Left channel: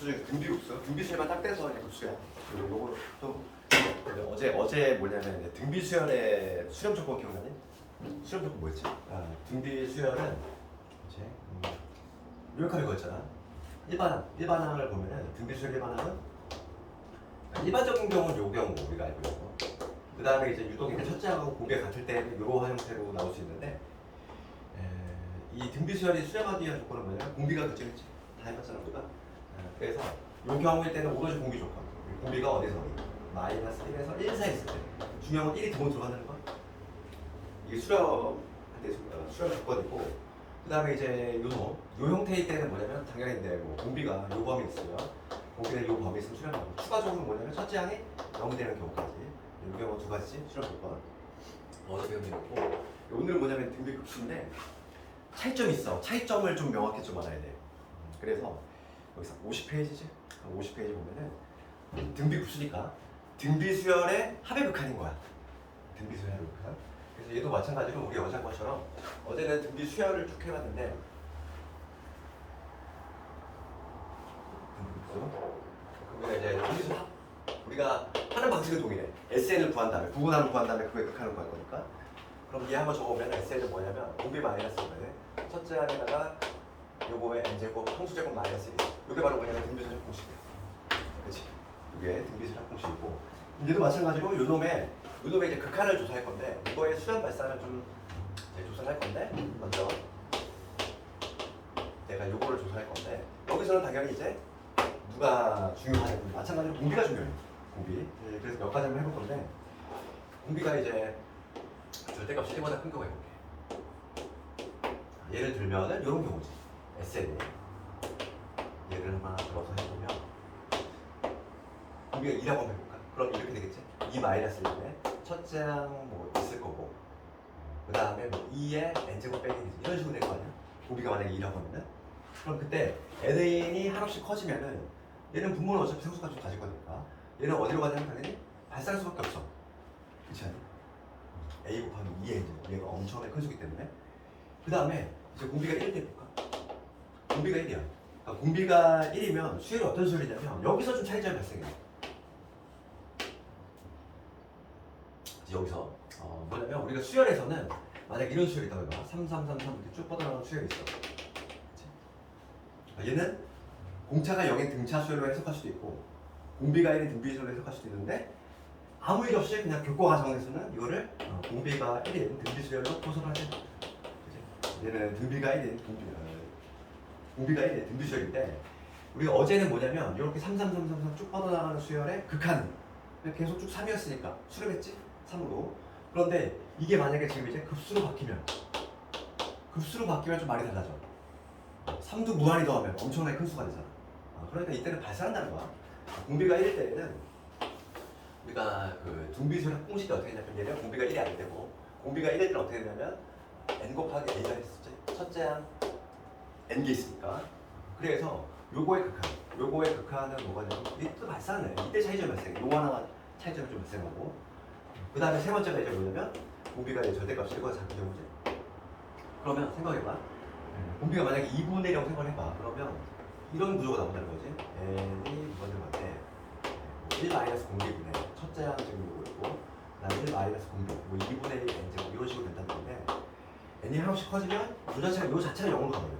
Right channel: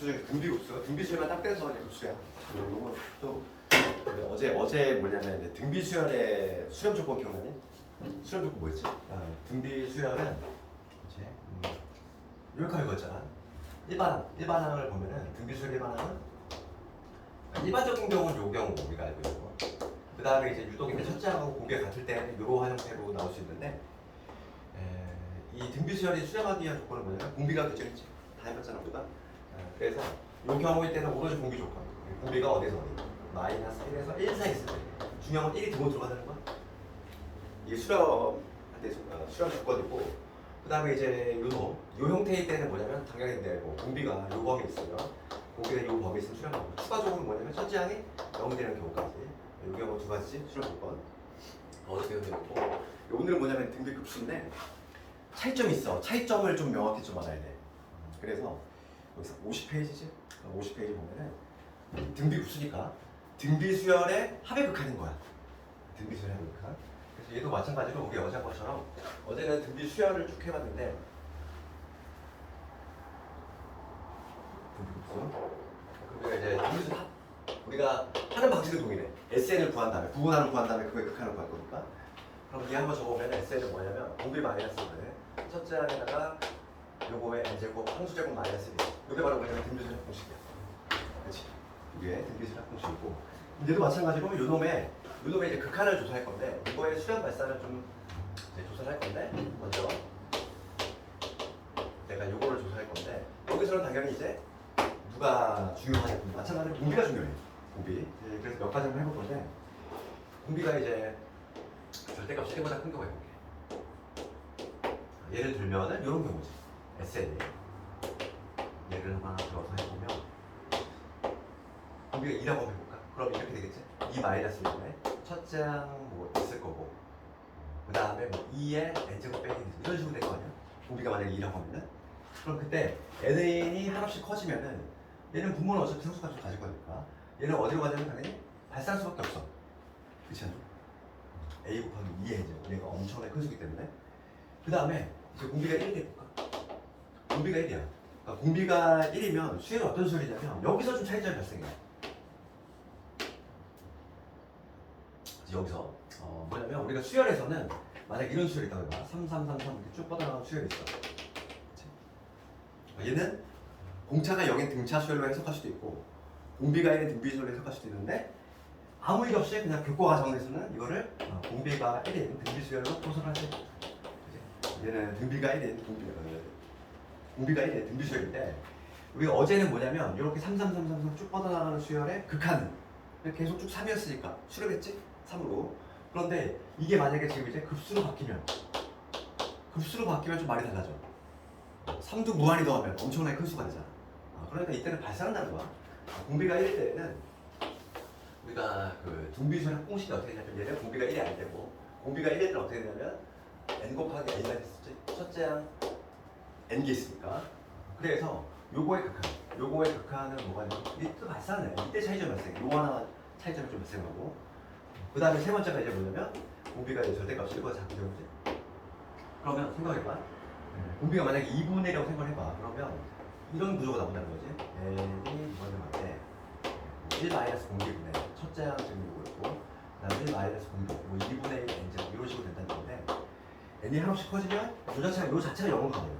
급수 중에 등비급수. 등비수열만 딱 떼서 그냥 급수야. 요거 또 어제 뭐냐면 이제 등비수열의 수렴 조건 기억나니? 수렴 조건 뭐였지? 등비수열은 이제 요약하는 거였잖아. 일반항을 보면은 등비수열 일반항은 일반적인 경우는 요 경우 우리가 알고 있고, 그 다음에 이제 유독 이제 첫째 항하고 공비가 같을 때 이러한 형태로 나올 수 있는데, 이 등비수열이 수렴하기 위한 조건은 뭐냐면 공비가 그치겠지. 다 해봤잖아 우리가. 그래서 이 경우일 때는 오로지 공비 조건. 공비가 어디서 어디? 마이너스 1에서 1 사이 있을 때. 중요한 건 1이 등으로 들어간다는 거야. 이게 수렴 조건이고, 그 다음에 이제 요 형태일 때는 뭐냐면 당연히 뭐 공비가 요 범위 있어요. 공비가 요 범위 있으면 수렴하고, 추가적으로 뭐냐면 첫째 항이 0이 되는 경우까지. 요 경우 두 가지 수렴 조건. 어제 배운 되고, 오늘은 뭐냐면 등비 급수인데 차이점이 있어. 차이점을 좀 명확히 좀 알아야 돼. 그래서 여기서 50페이지지? 50페이지 보면은 등비 급수니까 등비 수열의 합의 극한인 거야. 등비 수열의 합의 극한. 그래서 얘도 마찬가지로 우리 어제 한 것처럼 어제는 등비 수열을 쭉 해봤는데 등비 급수. 근데 이제 등비 수열 합. 우리가 하는 방식은 동일해. SN을 구한 다음에 부분함을 구한 다음에 그거의 극한을 구할 거니까. 그럼 얘 한번 적어보면 SN은 뭐냐면 공비 마이너스 1에 첫째 항에다가 요거의 n제곱 평수제곱 마이너스 1. 요게 바로 우리가 등비수열 공식이야. 그렇지? 이게 등비수열 공식이고, 얘도 마찬가지로 요놈의 이제 극한을 조사할 건데, 이거의 수렴 발산을 좀 이제 조사를 할 건데, 먼저 내가 요거를 조사할 건데, 여기서는 당연히 이제 누가 중요하냐? 마찬가지로 공비가 중요해. 공비. 그래서 몇 가지 한번 해볼 건데, 공비가 이제 절대값이 1보다 큰 경우 해볼게. 예를 들면은 이런 경우지. SN이 예를 하나 들어서 해보면 공비가 2라고 한번 해볼까? 그럼 이렇게 되겠지? 2 마이너스 1에 첫째 항 뭐 있을 거고, 그 다음에 뭐 2에 n제곱 빼기 이런 식으로 될 거 아니야? 공비가 만약에 2라고 하면은, 그럼 그때 n이 한없이 커지면은 얘는 분모는 어차피 상수값을 가지고 가니까 얘는 어디로 가냐면 당연히 발산할 수밖에 없어. 그렇지 않니? a 곱하기 2의 n제곱, 얘가 엄청나게 큰 수기 때문에. 그 다음에 이제 공비가 1일 때 볼까? 공비가 1이야. 그러니까 공비가 1이면 수열이 어떤 수열이냐면 여기서 좀 차이점이 발생해. 여기서 뭐냐면 우리가 수열에서는 만약 이런 수열이 있다고 해봐. 3, 3, 3, 3 이렇게 쭉 뻗어나가는 수열이 있어. 그치? 얘는 공차가 0인 등차 수열로 해석할 수도 있고, 공비가 1인 등비 수열로 해석할 수도 있는데, 아무 일 없이 그냥 교과 과정에서는 이거를 공비가 1인 등비 수열로 포섭을 하지. 얘는 등비가 1인 공비가 1인 등비 수열인데, 우리가 어제는 뭐냐면 이렇게 3, 3, 3, 3, 3 쭉 뻗어나가는 수열의 극한은 계속 쭉 3이었으니까 수렴했지? 3으로. 그런데 이게 만약에 지금 이제 급수로 바뀌면 좀 말이 달라져. 3도 무한히 더하면 엄청나게 큰 수가 되잖아. 그러니까 이때는 발산한다는 거야. 공비가 1일 때는 우리가 그 등비수열 합공식이 어떻게 되냐면, 얘는 공비가 1이 아닐 때고, 공비가 1일 때는 어떻게 되냐면 n 곱하기 a가 됐었지. 첫째 항 n개 있으니까. 그래서 요거의 극한은 뭐가 되냐면 이때 또 발산해. 이때 차이점이 발생해. 요 하나만 차이점이 좀 발생하고, 그 다음에 세 번째가 이제 뭐냐면 공비가 이제 절대값이 1보다 작은 경우지. 그러면 생각해봐. 공비가 만약에 2분의 1이라고 생각해봐. 그러면 이런 구조가 나온다는 거지. n이 뭐는 건데 1 마이너스 공비분의 첫째 항 지금 요거 있고, 그 다음에 1 마이너스 공비 뭐 2분의 1 n 제곱 이런 식으로 된다는 건데, n이 한없이 커지면 요 자체가 0으로 가버려.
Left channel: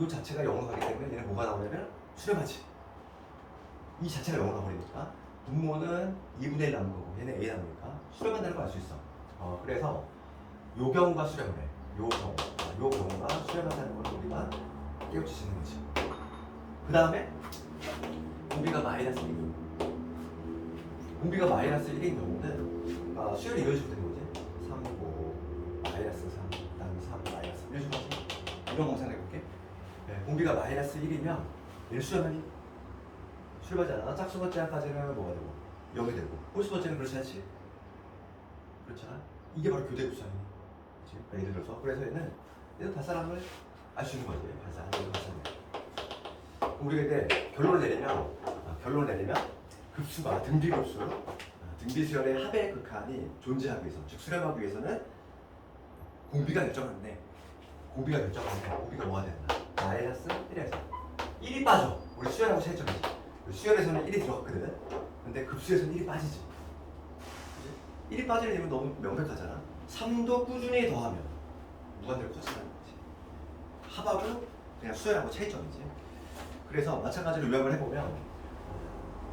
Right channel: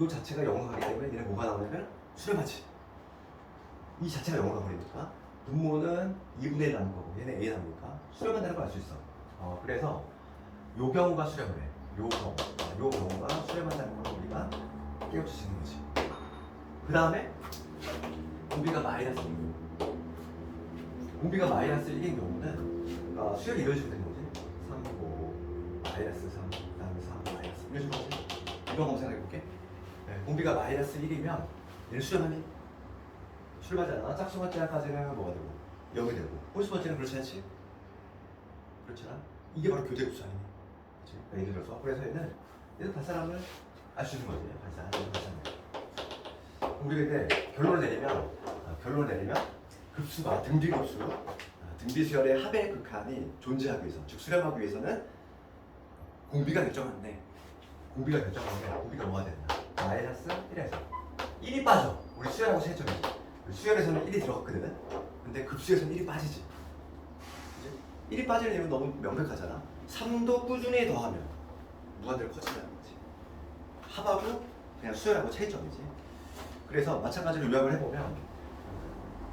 요 자체가 0으로 가기 때문에 얘는 뭐가 나오냐면 수렴하지. 이 자체가 0으로 가버리니까 분모는 2분의 1 남은 거고 얘는 a 남으니까 수렴한다는 걸 알 수 있어. 그래서 요 경우가 수렴을 해. 요 경우가 수렴한다는 걸 우리가 깨우칠 수 있는 거지. 그 다음에 공비가 마이너스 1. 공비가 마이너스 1인 경우는 수열이 이런 식으로 되는 거지. 3, 5, 마이너스 3, 그 다음에 3, 마이너스 이런 식으로 하지. 이런 거 생각해볼게. 공비가 마이너스 1이면 얘를 수렴하니? 수렴하잖아. 짝수 번째 항까지는 뭐가 되고 0이 되고, 홀수 번째는 그렇지 않지? 그렇잖아. 이게 바로 교대급수 아니니? 그치? 그러니까 예를 들어서 그래서 얘는 발산함을 알 수 있는 거지. 발산해. 우리가 이제 결론을 내리면 급수가 등비급수, 등비수열의 합의 극한이 존재하기 위해서, 즉 수렴하기 위해서는 공비가 결정하는데 공비가 뭐가 된다? 마이너스 1에서 1이 빠져. 우리 수열하고 차이점이지. 수열에서는 1이 들어갔거든. 근데 급수에서는 1이 빠지지. 그지? 1이 빠지는 이유는 너무 명백하잖아. 3도 꾸준히 더하면 무한대로 커진다는 거지. 합하고 그냥 수열하고 차이점이지. 그래서 마찬가지로 요약을 해보면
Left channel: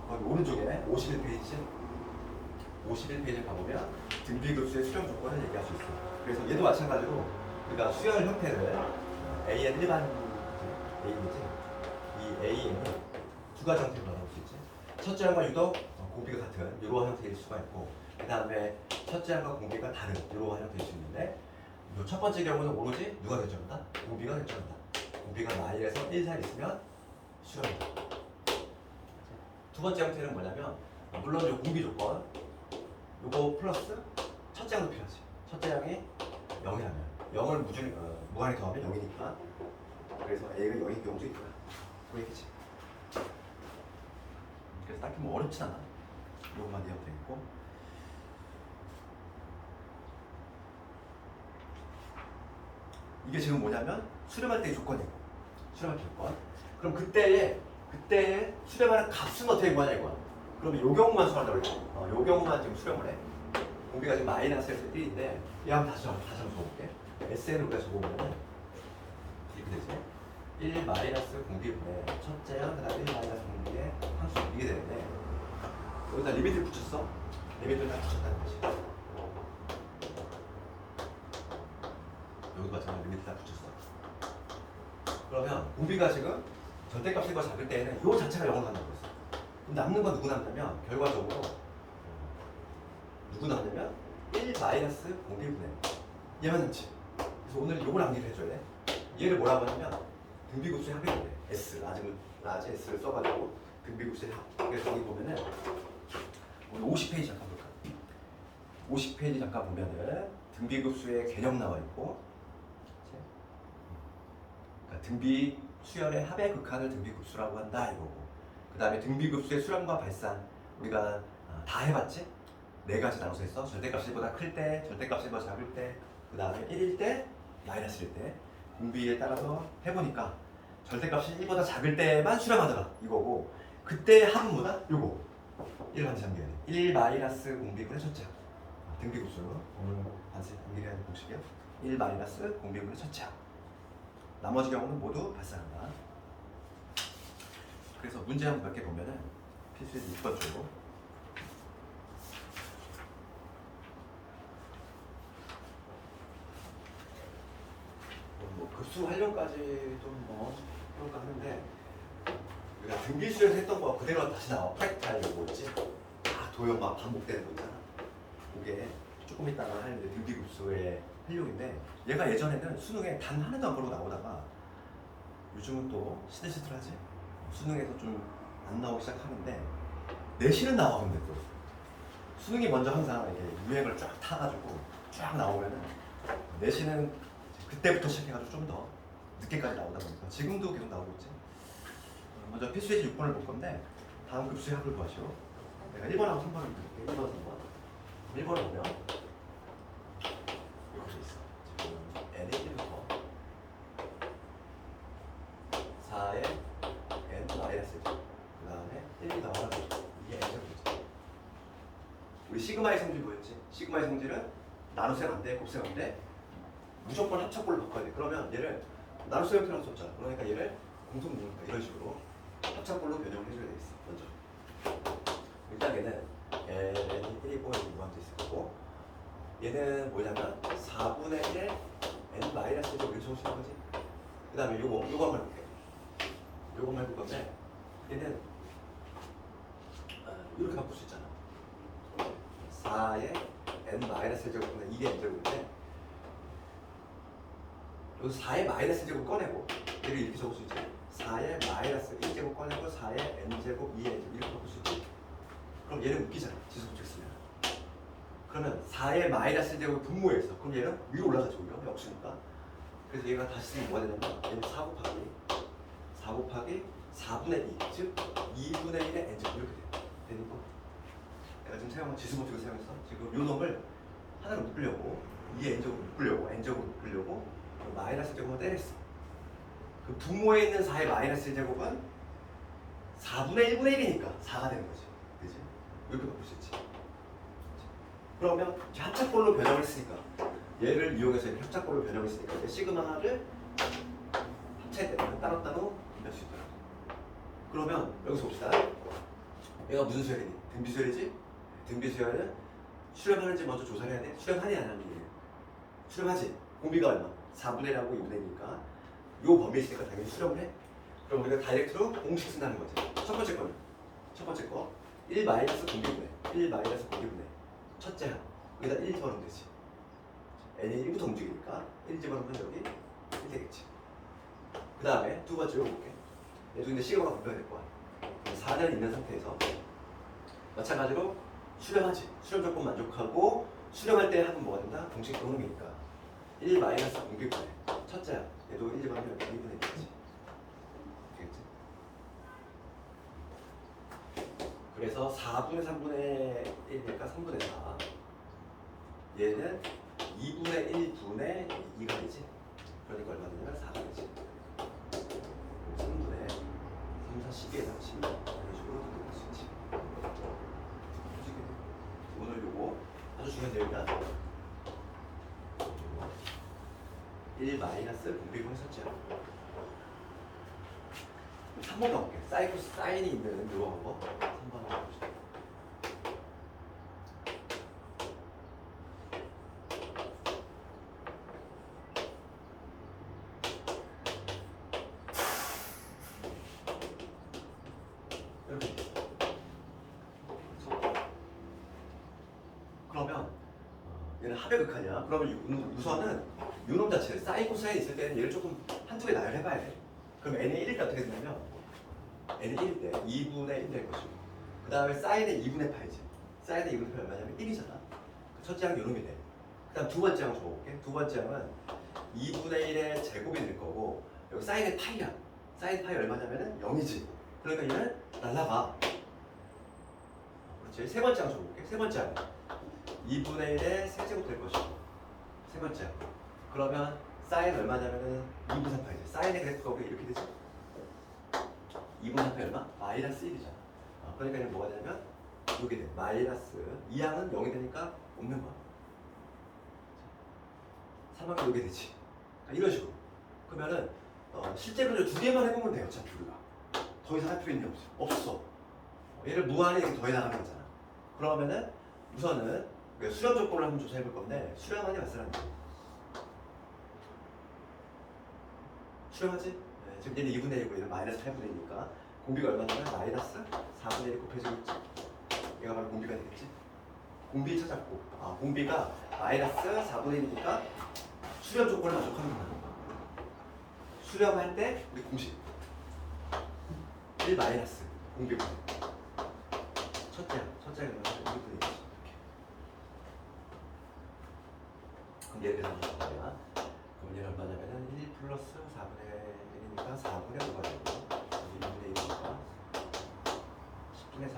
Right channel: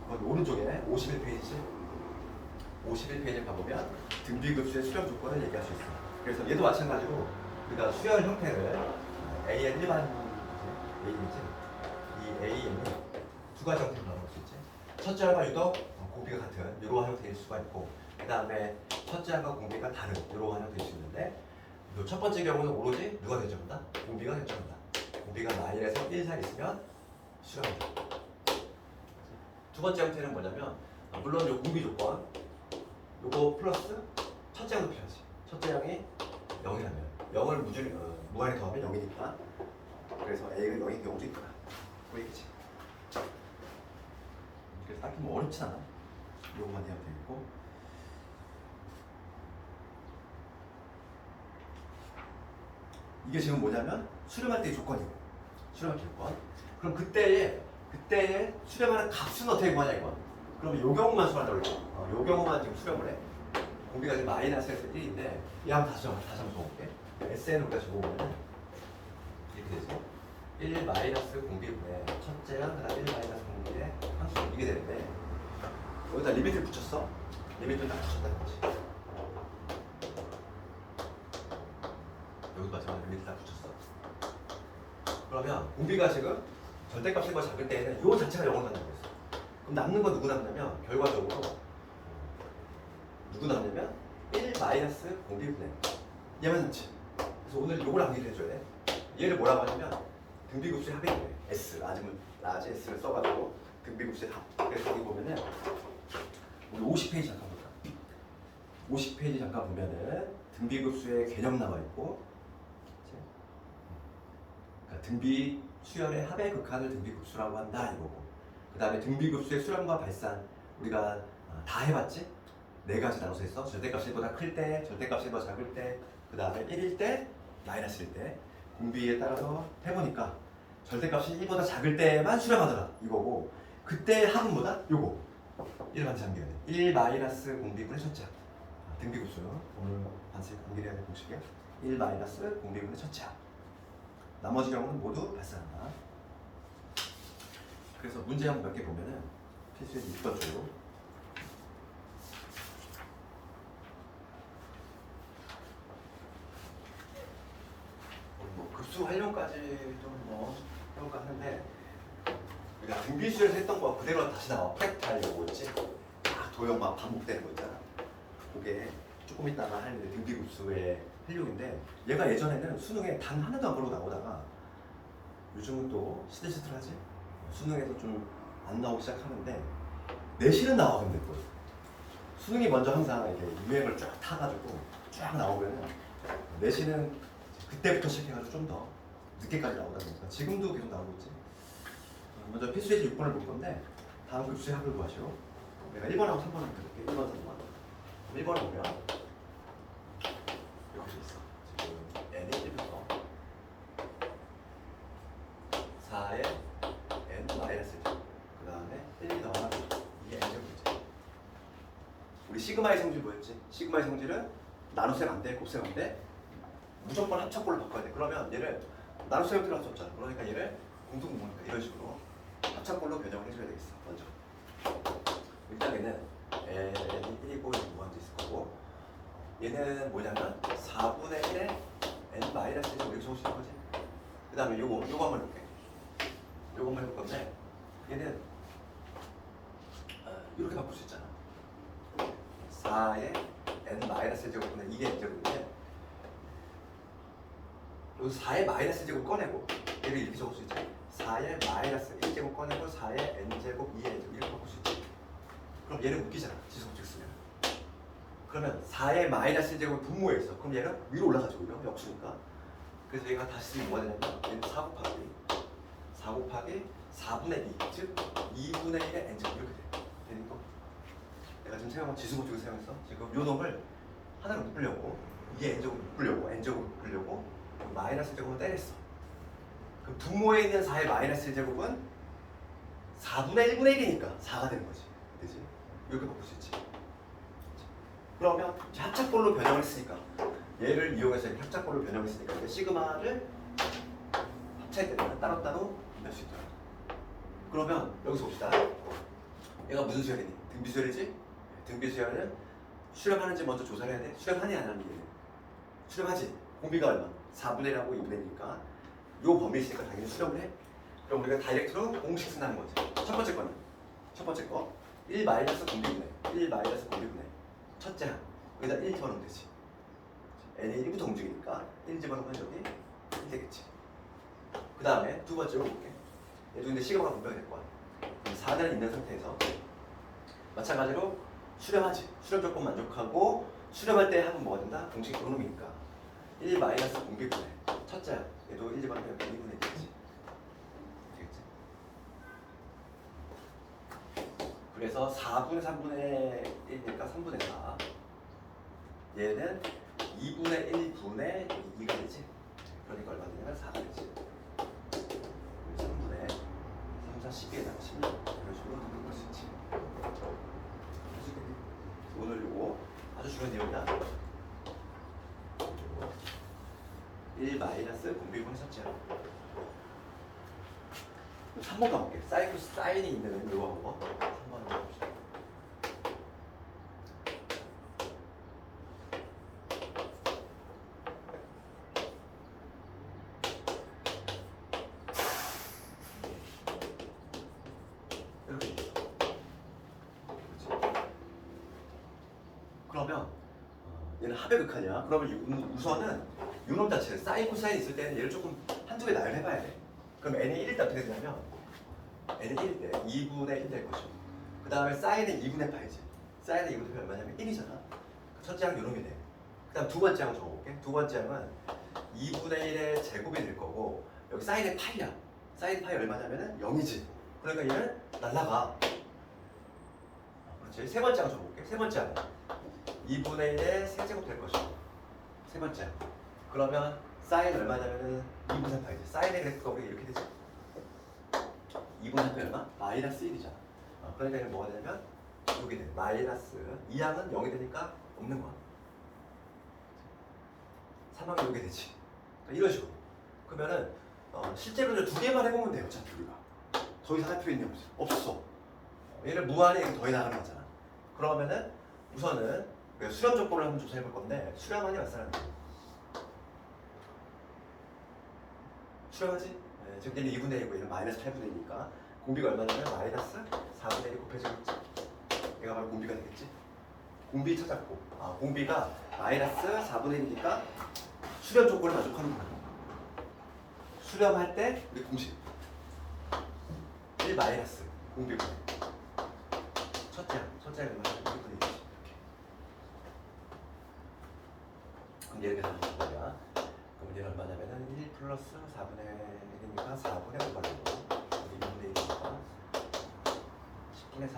거기 오른쪽에 51페이지 51페이지에 가보면 등비급수의 수렴 조건을 얘기할 수 있어. 그래서 얘도 마찬가지로 우리가 수열 형태를 AN 일반 A이지 이 AN이 두 가지 형태로 나눠볼 수 있지. 첫째 항과 유독 공비가 같은 이러한 형태일 수가 있고, 그 다음에 첫째 항과 공비가 다른 이러한 형태일 수 있는데, 첫 번째 경우는 오로지 누가 결정한다? 공비가 결정한다. 공비가 마이너스 1 사이 있으면 수렴이다. 두 번째 형태는 뭐냐면, 물론 요 공비 조건 요거 플러스 첫째 항도 필요하지. 첫째 항이 0이라면 0을 무한히 더하면 0이니까, 그래서 A가 0인 경우도 있구나. 보이겠지? 그래서 딱히 뭐 어렵진 않아. 요것만 이해하면 되겠고, 이게 지금 뭐냐면 수렴할 때의 조건이고, 수렴할 때 조건. 그럼 그때의 수렴하는 값은 어떻게 구하냐 이거야. 그러면 요 경우만 수렴한다고 그랬지. 요 경우만 지금 수렴을 해. 공비가 지금 마이너스 1인데, 얘 한번 다시 한번 적어볼게. SN을 우리가 적어보면 이렇게 되지. 1 마이너스 공비분의 첫째 항, 그 다음에 1 마이너스 공비의 항수, 이게 되는데, 여기다 리미트를 붙였어. 리미트를 딱 붙였다는 거지. 여기서 마찬가지로 리미트 딱 붙였어. 그러면 공비가 지금 절대값인 걸 잡을 때에는 요 자체가 0을 갖는 거였어. 그럼 남는 건 누구 남냐면, 결과적으로 누구 남냐면 1 마이너스 공비분의 얘만 남지. 그래서 오늘 요걸 암기를 해줘야 돼. 얘를 뭐라고 하냐면 등비급수의 합이래. S, 라지 S를 써가지고 등비급수의 합. 그래서 여기 보면은 우리 50페이지 잠깐 볼까? 50페이지 잠깐 보면은 등비급수의 개념 나와 있고, 그러니까 등비 수열의 합의 극한을 등비급수라고 한다 이거고, 그 다음에 등비급수의 수렴과 발산 우리가 다 해봤지? 네 가지 나눠서 했어. 절대값이 1보다 클 때, 절대값이 1보다 작을 때, 그 다음에 1일 때, 마이너스일 때. 공비에 따라서 해보니까 절대값이 1보다 작을 때만 수렴하더라 이거고, 그때 합은 뭐다? 요거 1 반드시 암기해야 돼. 1 마이너스 공비분의 첫째 항. 등비급수 오늘 반드시 암기해야 될 공식이야. 1 마이너스 공비분의 첫째 항. 나머지 경우는 모두 발산한다. 그래서 문제 한번 몇 개 보면은 필수에서 6번 쪽으로 뭐 급수 활용까지 좀 뭐 해볼까 하는데, 우리가 등비수에서 했던 거 그대로 다시 나와. 팩탈 요거 있지? 막 도형 막 반복되는 거 있잖아. 그게 조금 있다가 하는데 등비급수의 활용인데, 얘가 예전에는 수능에 단 하나도 안 걸고 나오다가 요즘은 또 시들시들하지? 수능에서 좀 안 나오기 시작하는데, 내신은 나와. 근데 또 수능이 먼저 항상 이렇게 유행을 쫙 타가지고 쫙 나오면은 내신은 그때부터 시작해가지고 좀 더 늦게까지 나오다 보니까 지금도 계속 나오고 있지. 먼저 필수예제 6번을 볼 건데, 다음 급수의 합을 구하시고, 내가 1번하고 3번을 드릴게. 1번, 3번. 1번에 보면 이렇게 돼 있어. 지금 n의 1부터 4의 n 마이너스 1, 그 다음에 1이 나와가지고 이게 n제곱이지. 우리 시그마의 성질 뭐였지? 시그마의 성질은 나눗셈 안 돼, 곱셈 안 돼. 무조건 합차꼴로 바꿔야 돼. 그러면 얘를 나눗셈 형태라고 썼잖아. 그러니까 얘를 공통분모니까 이런 식으로 합차꼴로 변형을 해줘야 되겠어. 먼저 일단 얘는 n이 1이고 무한대 있을 거고, 얘는 뭐냐면 4분의 1에 n 마이너스 1을 이렇게 적을 수 있는 거지. 그 다음에 요거 한번 해볼게. 요것만 해볼 건데, 얘는 이렇게 바꿀 수 있잖아. 4의 n 마이너스 1제곱분의 2의 n제곱인데, 여기 4의 마이너스 1제곱 꺼내고 얘를 이렇게 적을 수 있지. 4의 마이너스 1제곱 꺼내고 4의 n제곱 2의 n제곱 이렇게 바꿀 수 있지. 그럼 얘는 웃기잖아, 지수법칙 쓰면. 그러면 4의 마이너스 1제곱 분모에서, 그럼 얘는 위로 올라가죠. 오히려 역수니까. 그래서 얘가 다시 쓰면 뭐가 되냐면, 얘는 4 곱하기 4분의 2, 즉 2분의 1의 n제곱 이렇게 돼. 되니까 내가 지금 사용한 지수법칙을 사용해서 지금 요 놈을 하나를 묶으려고 2의 n제곱을 묶으려고, n제곱을 묶으려고 마이너스 제곱을 때렸어. 그럼 분모에 있는 4의 마이너스 1제곱은 4분의 1분의 1이니까 4가 되는 거지. 그지? 이렇게 바꿀 수 있지. 그러면 합작꼴로 변형을 했으니까 얘를 이용해서 이렇게 합작꼴로 변형했으니까 이제 시그마를 합차할 때는 따로따로 할 수 있도록. 그러면 여기서 봅시다. 얘가 무슨 수열이니? 등비수열이지? 등비수열은 수렴하는지 먼저 조사를 해야 돼. 수렴하니 안 하니? 수렴하지. 공비가 얼마? 4분의 1하고 2분의 1이니까 요 범위에 있으니까 당연히 수렴을 해. 그럼 우리가 다이렉트로 공식 쓴다는 거지. 첫 번째 거니. 첫 번째 거 1 마이너스 공비분의 1 마이너스 공비분의 첫째 항 여기다 1 집어넣으면 되지. n이 1부터 움직이니까 1 집어넣으면 여기 1 되겠지. 그 다음에 두 번째로 볼게. 얘도 근데 시그마가 분명히 될 거야. 4는 있는 상태에서 마찬가지로 수렴하지. 수렴 조건 만족하고 수렴할 때 항은 뭐가 된다? 공식 도놈이니까 1 마이너스 공비분의 첫째 항 얘도 1 집어넣으면 2분의 1이지. 그래서 4분의 3분의 1이니까 3분의 4 얘는 2분의 1분의 2가 되지. 그러니까 얼마 되냐면 4가 되지. 3분의 3, 4, 12에다가 16 이런 식으로 만들 수 있지. 해주겠네. 오늘 요거 아주 중요한 내용이야. 1 마이너스 공비분의 첫째 3번 가볼게. 사인이 있는 요거 한 거. 3번 한번 해봅시다. 이렇게. 그러면 얘는 합의 극한이야. 그러면 우선은 요놈 자체 사인 코사인 있을 때는 얘를 조금 한두 개 나열해봐야 돼. 그럼 n이 1일 때 어떻게 되냐면 n이 1일 때 2분의 1 될 것이고 그 다음에 사인의 2분의 8이지. 사인의 2분의 8 얼마냐면 1이잖아. 첫째 항 요놈이 돼. 그 다음 두 번째 항 적어볼게. 두 번째 항은 2분의 1의 제곱이 될 거고 여기 사인의 8이야. 사인 8이 얼마냐면은 0이지. 그러니까 얘는 날라가. 그렇지. 세 번째 항 적어볼게. 세 번째 항 2분의 1의 세제곱 될 것이고 세 번째 항 그러면 사인 얼마냐면은 2분의 8이지. 사인의 그래프가 우리가 이렇게 되지. 2분의 8이 얼마? 마이너스 1이잖아. 그러니까 얘는 뭐가 되냐면 이게 돼. 마이너스 2항은 0이 되니까 없는 거야. 3항이 이게 되지. 이런 식으로. 그러면은 실제로 두 개만 해보면 돼요. 어차피 우리가 더 이상 할 필요 있는 게 없어. 얘를 무한히 더해 나가는 거잖아. 그러면은 우선은 수렴 조건을 한번 조사해 볼 건데 수렴하니 맞사람이 수렴하지? 네, 지금 얘는 2분의 1이고 얘는 마이너스 8분의 1이니까 공비가 얼마냐면 마이너스 4분의 1이 곱해지겠지. 얘가 바로 공비가 되겠지. 공비 찾았고 공비가 마이너스 4분의 1이니까 수렴 조건을 만족하는 거야. 수렴할 때 우리 공식 1 마이너스 공비분의 첫째가 얼마냐? 2분의 1 이렇게. 그럼 얘를 계산 할 거야. 그럼 얘는 얼마냐면은 1 플러스 4분의 1이니까 4분의 5가 되고 2분의 1이니까 10분의 4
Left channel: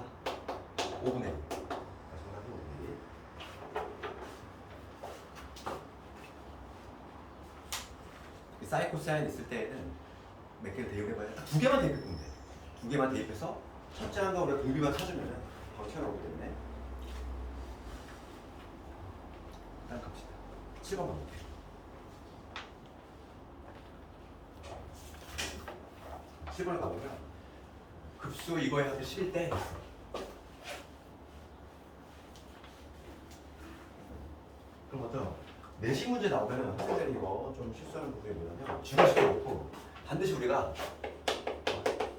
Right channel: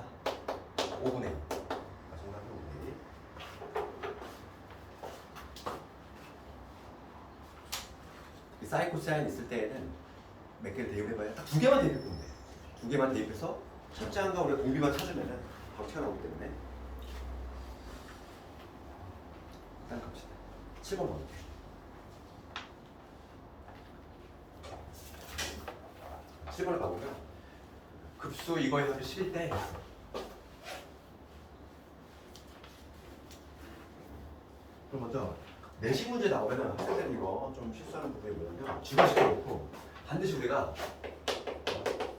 5분의 1 마지막으로 5분의 1 사인 코사인 있을 때에는 몇 개를 대입해봐야 딱 두 개만 대입해보면 돼. 두 개만 대입해서 첫째 항과 우리가 공비만 찾으면은 바로 튀어나오기 때문에 일단 갑시다. 7번 가볼게. 7번을 가보면 급수 이거의 합이 11대 있어. 그럼 먼저 내신 문제 나오면은 학생들이 이거 좀 실수하는 부분이 뭐냐면 주관시켜놓고 반드시 우리가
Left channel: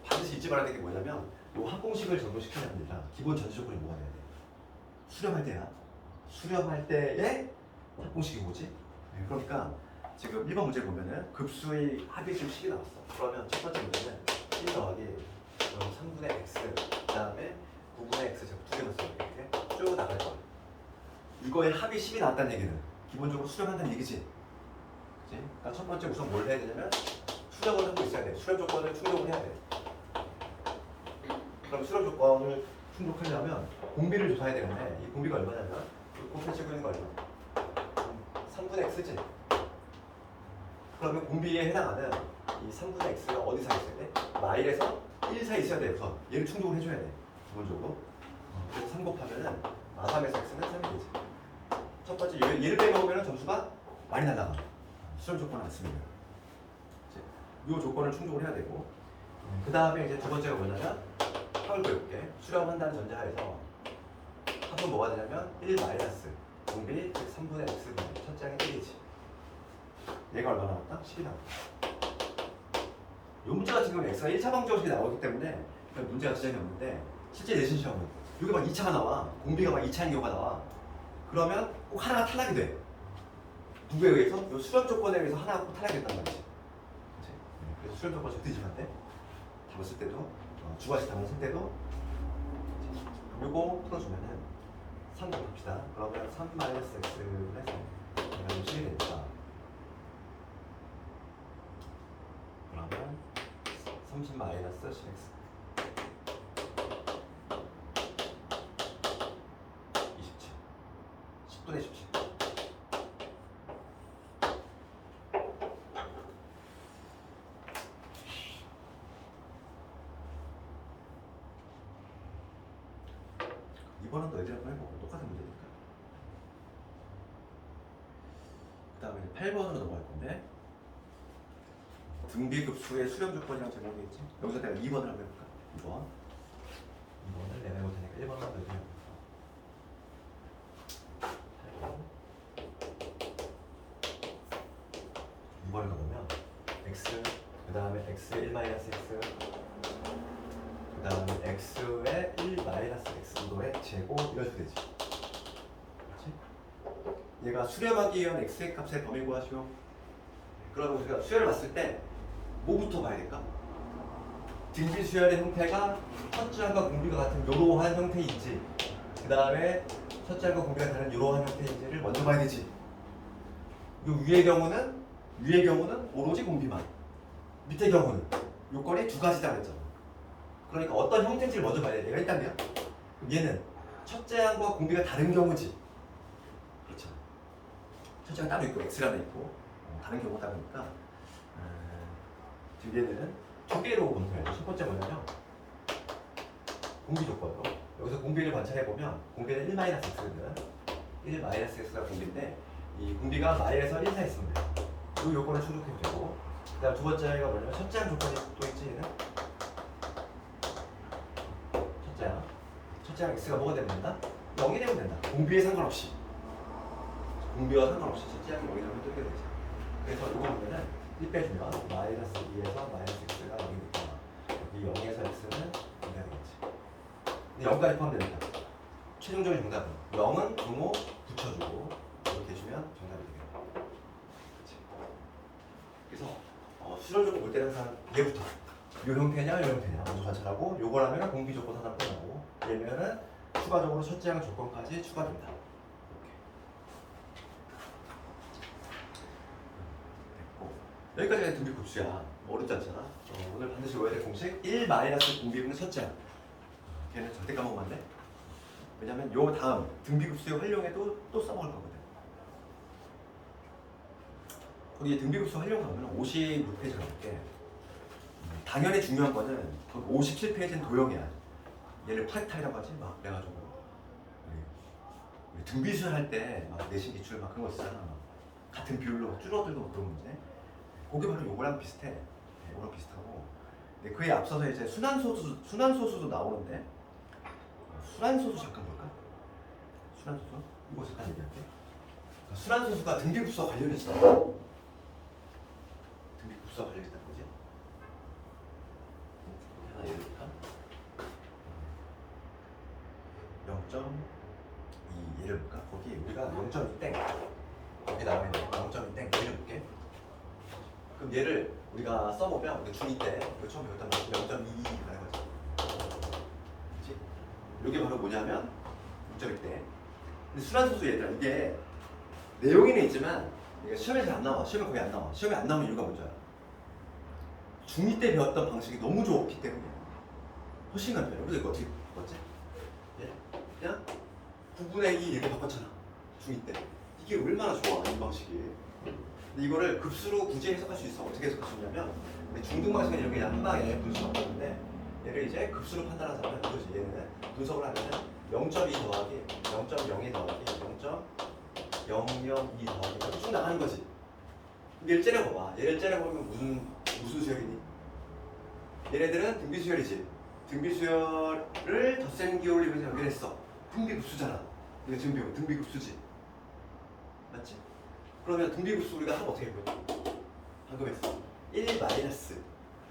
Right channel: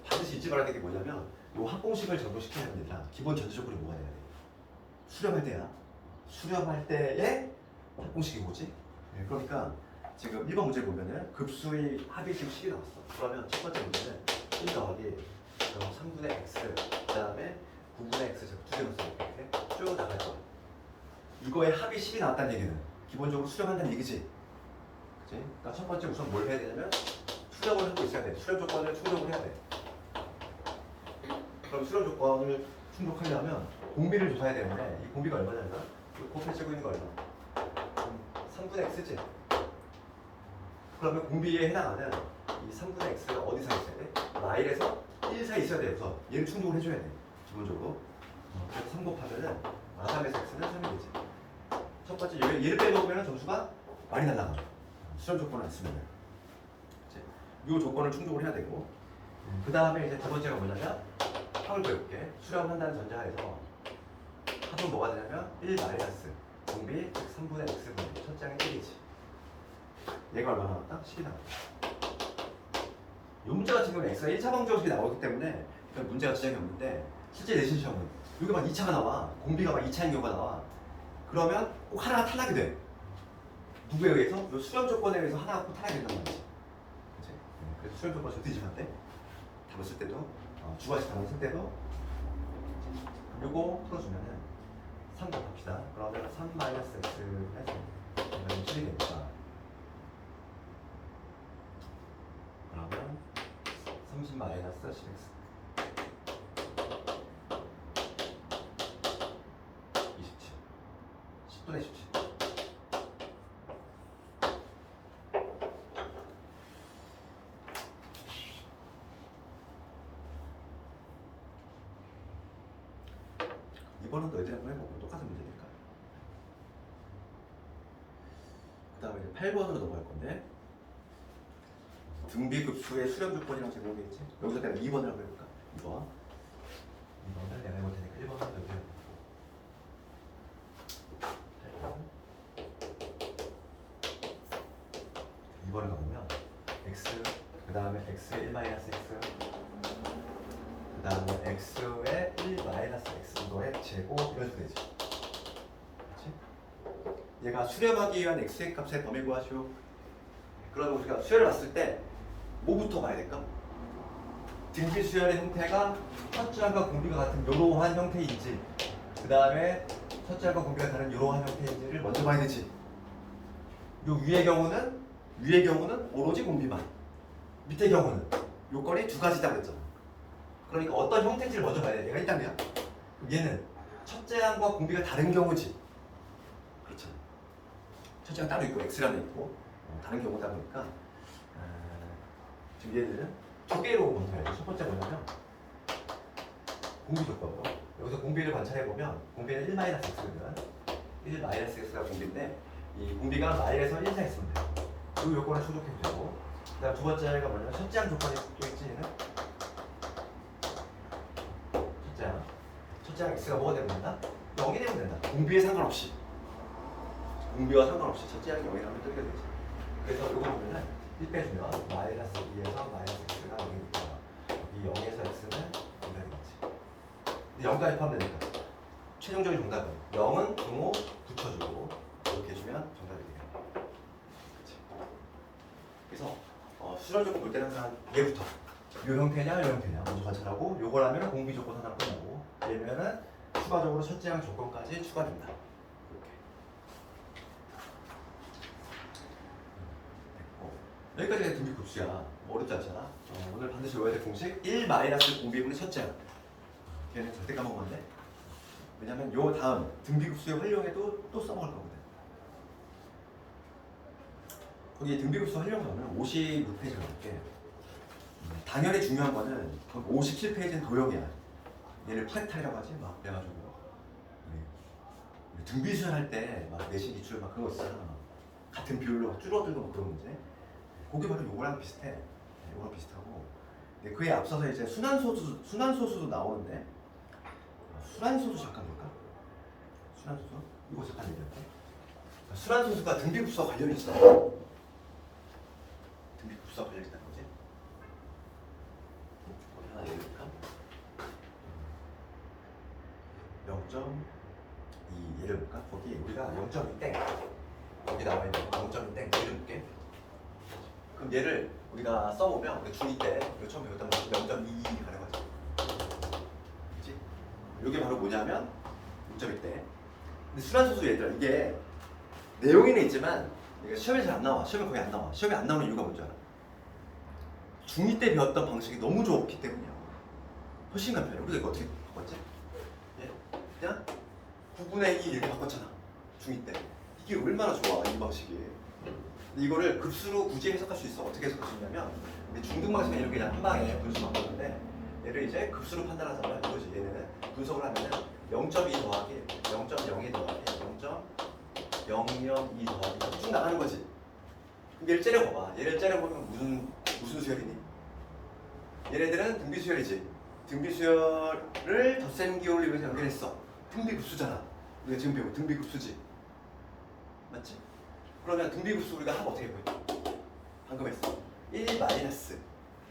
반드시 잊지 말아야 될 게 뭐냐면 이 합공식을 적용시켜야 됩니다. 기본 전제 조건이 뭐가 돼야 돼? 수렴할 때야. 수렴할 때의 합공식이 뭐지? 네, 그러니까 지금 1번 문제 보면은 급수의 합이 지금 10이 나왔어. 그러면 첫 번째 문제는 1 더하기 3분의 x 그 다음에 9분의 x 두 개만 써 이렇게 쭉 나갈 거야. 이거의 합이 10이 나왔다는 얘기는 기본적으로 수렴한다는 얘기지. 그치? 그러니까 첫 번째 우선 뭘 해야 되냐면 수렴을 하고 있어야 돼. 수렴 조건을 충족을 해야 돼. 그럼 수렴 조건을 충족하려면 공비를 조사해야 되는데 이 공비가 얼마냐면 곱해지고 있는 거 얼마? 3분의 x지. 그러면 공비에 해당하는 이 3분의 x가 마일에서 1 사이 있어야 돼서 얘를 충족을 해줘야 돼 기본적으로. 그래서 3 곱하면은 마삼에서 x는 3이 되지. 첫 번째 얘를 빼먹으면 점수가 많이 날라가. 수렴 조건을 안 쓰면 이 조건을 충족을 해야 되고, 그 다음에 이제 두 번째가 뭐냐면 합을 구해볼게. 수렴한다는 전제하에서 합은 뭐가 되냐면 1 마이너스 공비 즉 3분의 x분의 첫 장의 1이지. 얘가 얼마 나왔다? 10이 나왔다. 이 문제 같은 경우는 x가 1차 방정식이 나오기 때문에 문제가 지장이 없는데, 실제 내신 시험은 여기 막 2차가 나와. 공비가 막 2차인 경우가 나와. 그러면 꼭 하나가 탈락이 돼. 누구에 의해서? 이 수렴 조건에 의해서 하나가 꼭 탈락이 된단 말이지. 그치? 네, 그래서 수렴 조건 절대 잊으면 안 돼. 답을 쓸 때도, 주관식 답을 쓸 때도. 그럼 요거 풀어주면은 3 곱합시다. 그러면 3 마이너스 x분의 3 이건 7이 되니까, 그러면 30 마이너스 10x 27 10분의 17. 이번은 너희들이 한번 해보고 똑같은 문제니까. 그 다음에 이제 8번으로 넘어갈 건데, 등비급수의 수렴 조건이랑 제공되어 있지. 여기서 내가 2번을 한번 해볼까? 2번을 내가 해볼 테니까 1번 한번 해볼까? 2번을 가보면 x, 그 다음에 x의 1 마이너스 x, 그 다음에 x의 1 마이너스 x 이거의 제곱 이런 식으로 되지. 그렇지? 얘가 수렴하기 위한 x의 값의 범위 구하시오. 그러면 우리가 수열을 봤을 때 뭐부터 봐야 될까? 등비수열의 형태가 첫째항과 공비가 같은 이러한 형태인지, 그 다음에 첫째항과 공비가 다른 이러한 형태인지를 먼저 봐야 되지. 요 위의 경우는 오로지 공비만, 밑의 경우는 요건이 두 가지다 그랬잖아. 그러니까 어떤 형태인지를 먼저 봐야 돼. 얘가 1단계야. 그럼 얘는 첫째항과 공비가 다른 경우지. 그렇죠. 첫째항 따로 있고 x라는 있고 다른 경우다 보니까 지금 얘는 두 개로 먼저 첫 번째 뭐냐면 공비 조건으로, 여기서 공비를 관찰해보면 공비는 1 마이너스 x거든. 1 마이너스 x가 공비인데, 이 공비가 마이너스 1 사이 있으면 돼. 이 요건을 충족해도 되고, 그 다음 두 번째가 뭐냐면 첫째항 조건이 또 있지. 얘는 첫째항 x가 뭐가 되면 된다? 0이 되면 된다. 공비에 상관없이, 공비와 상관없이 첫째항이 0이라면 뜯게 되지. 그래서 이거 보면은 1 빼주면 마이너스 2에서 마이너스 x가 0이니까 여기 0에서 x는 0이 되겠지. 근데 0까지 포함되니까 최종적인 정답은 0은 분모 붙여주고 이렇게 해주면 정답이 되겠다. 그렇지. 그래서 수렴 조건 볼 때는 항상 얘부터 요 형태냐 요 형태냐 먼저 관찰하고, 요걸 하면 공비 조건 하나 끝나고, 얘면은 추가적으로 첫째항 조건까지 추가된다. 여기까지가 등비급수야. 어렵지 않잖아. 오늘 반드시 외워야 될 공식 1 마이너스 공비분의 첫째항. 걔는 절대 까먹으면 안 돼. 왜냐면 요 다음 등비급수의 활용에도 또 써먹을 거거든. 거기 등비급수 활용하면 56페이지 가볼게. 당연히 중요한 거는 57페이지는 도형이야. 얘를 프랙탈이라고 하지 막. 그래가지고 우리 등비수열 할 때 막 내신 기출 막 그런 거 있잖아. 막 같은 비율로 막 줄어들고 막 그런 문제. 그게 바로 요거랑 비슷해. 네, 요거랑 비슷하고. 근데 그에 앞서서 이제 순환소수도 나오는데, 순환소수 잠깐 볼까? 순환소수? 이거 잠깐 얘기할게. 순환소수가 등비급수와 관련이 있어. 등비급수와 관련이 있다는 거지. 하나 얘기할까? 0.2 얘를 볼까? 거기 우리가 0.2 땡. 여기 나와 있는 0.2 땡 얘를 볼게. 그럼 얘를 우리가 써보면 우리 중2 때 이거 처음 배웠던 거 0.22라는 거지. 그치? 이게 바로 뭐냐면 0.2 때. 근데 순환소수 얘들아, 이게 내용에는 있지만 이게 시험에 잘 안 나와. 시험에 거의 안 나와. 시험에 안 나오는 이유가 뭔지 알아? 중2 때 배웠던 방식이 너무 좋기 때문이야. 훨씬 간편해. 여기서 이거 어떻게 바꿨지? 예? 그냥 9분의 2 이렇게 바꿨잖아. 중2 때. 이게 얼마나 좋아, 이 방식이. 이거를 급수로 굳이 해석할 수 있어. 어떻게 해석할 수 있냐면 우리 중등 방식은 이렇게 그냥 한 방에 분수가 없는데 얘를 이제 급수로 판단하자면 이거지. 얘는 분석을 하면은 0.2 더하기 0.02 더하기 0.002 더하기 쭉 나가는 거지. 얘를 째려봐봐. 얘를 째려보면 무슨 수열이니? 얘네들은 등비수열이지. 등비수열을 덧셈 기울이면서 연결했어. 등비급수잖아. 우리가 지금 배운 등비급수지. 맞지? 그러면 등비급수 우리가 하면 어떻게 보여? 방금 했어. 1 마이너스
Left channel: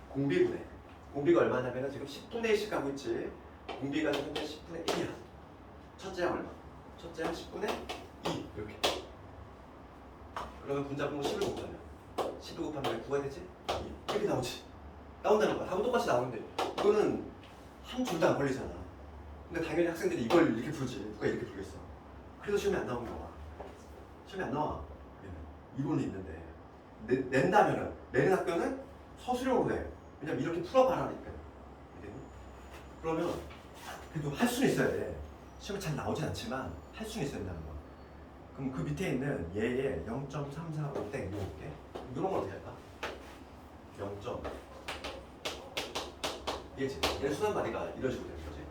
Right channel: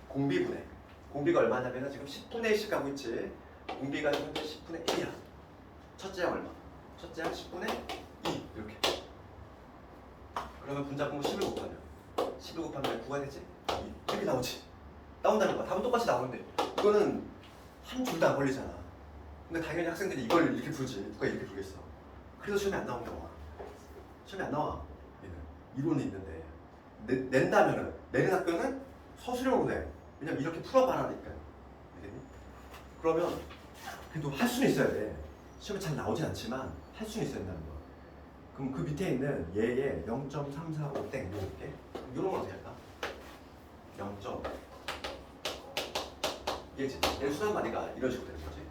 공비분해. 공비가 얼마냐면 지금 10분의 1씩 가고 있지. 공비가 현재 10분의 1이야. 첫째 양 얼마? 첫째 양 10분의 2 이렇게. 그러면 분자분모 10을 곱하면 10을 곱하면 9가 되지? 2 이렇게 나오지. 나온다는 거야. 답은 똑같이 나오는데 이거는 한 줄도 안 걸리잖아. 근데 당연히 학생들이 이걸 이렇게 풀지. 누가 이렇게 풀겠어. 그래서 시험에 안 나오는 거야. 시험에 안 나와. 얘는 이론이 있는데 낸다면은 내는 학교는 서술형으로 돼. 왜냐면 이렇게 풀어봐라니까. 그러면 그래도 할 수는 있어야 돼. 시험에 잘 나오진 않지만 할 수는 있어야 된다는 거야. 그럼 그 밑에 있는 얘의 0.345땡 이렇게 이런 걸 어떻게 할까? 0. 얘지. 얘 순환 마디가 이런 식으로 되는 거지.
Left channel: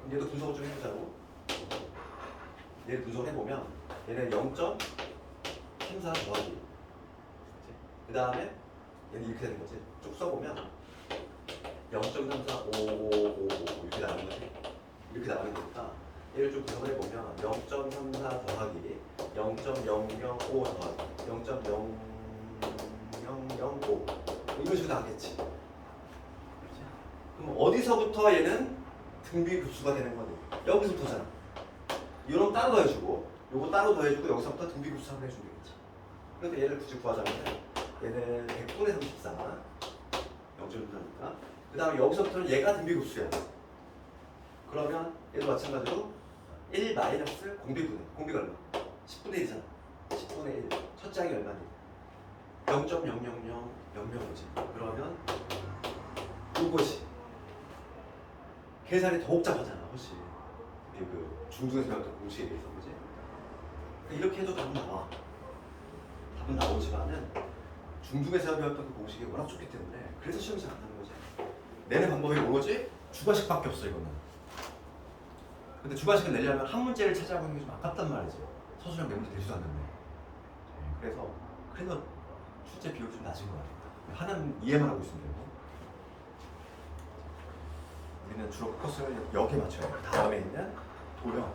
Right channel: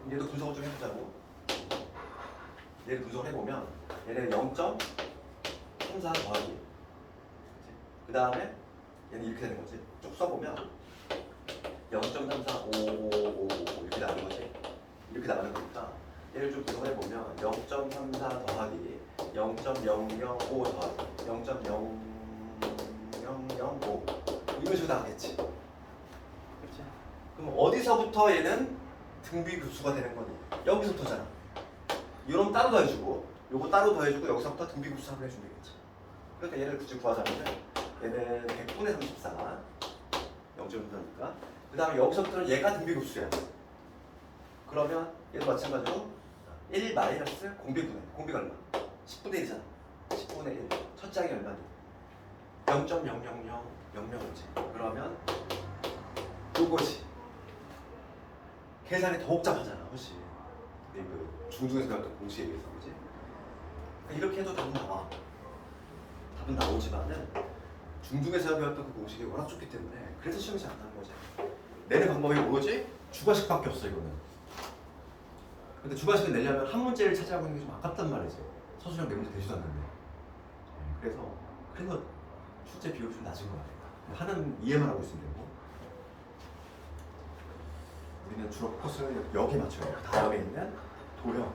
그럼 얘도 분석을 좀 해보자고. 얘를 분석을 해보면 얘는 0.34 더하기. 그 다음에 얘는 이렇게 되는 거지. 쭉 써보면 0.34555 이렇게 나가는 거지. 이렇게 나가는 거니까 얘를 좀 분석을 해보면 0.34 더하기 0.005 더하기 0.0005 이런 식으로 나가겠지. 그렇지? 그럼 어디서부터 얘는 등비급수가 되는 거니? 여기서부터잖아. 이런 따로 더해주고 요거 따로 더해주고 여기서부터 등비급수 한번 해주면 되겠지. 그러니까 얘를 굳이 구하자면 얘는 100분의 34 0.3니까 그 다음에 여기서부터는 얘가 등비급수야. 그러면 얘도 마찬가지로 1 마이너스 공비분해. 공비가 얼마? 10분의 1이잖아. 10분의 1. 첫째 항이 얼마니? 0.00000이지. 그러면 요거지. 계산이 더 복잡하잖아, 훨씬. 그 중중에서 배웠던 공식에 비해서, 그지? 이렇게 해도 답은 나와. 답은 나오지만은 중중에서 배웠던 그 공식이 워낙 좋기 때문에 그래서 시험이 잘 안 나는 거지. 내는 방법이 뭐지? 주관식밖에 없어 이거는. 근데 주관식을 내려면 한 문제를 차지하고 있는 게 좀 아깝단 말이지. 서술형 몇 문제 되지도 않는데. 그래서 출제 비율이 좀 낮은 거야. 하는 이해만 하고 있으면 되고. 우리는 주로 포커스를 여기에 맞춰야 돼. 그 다음에 있는 도형.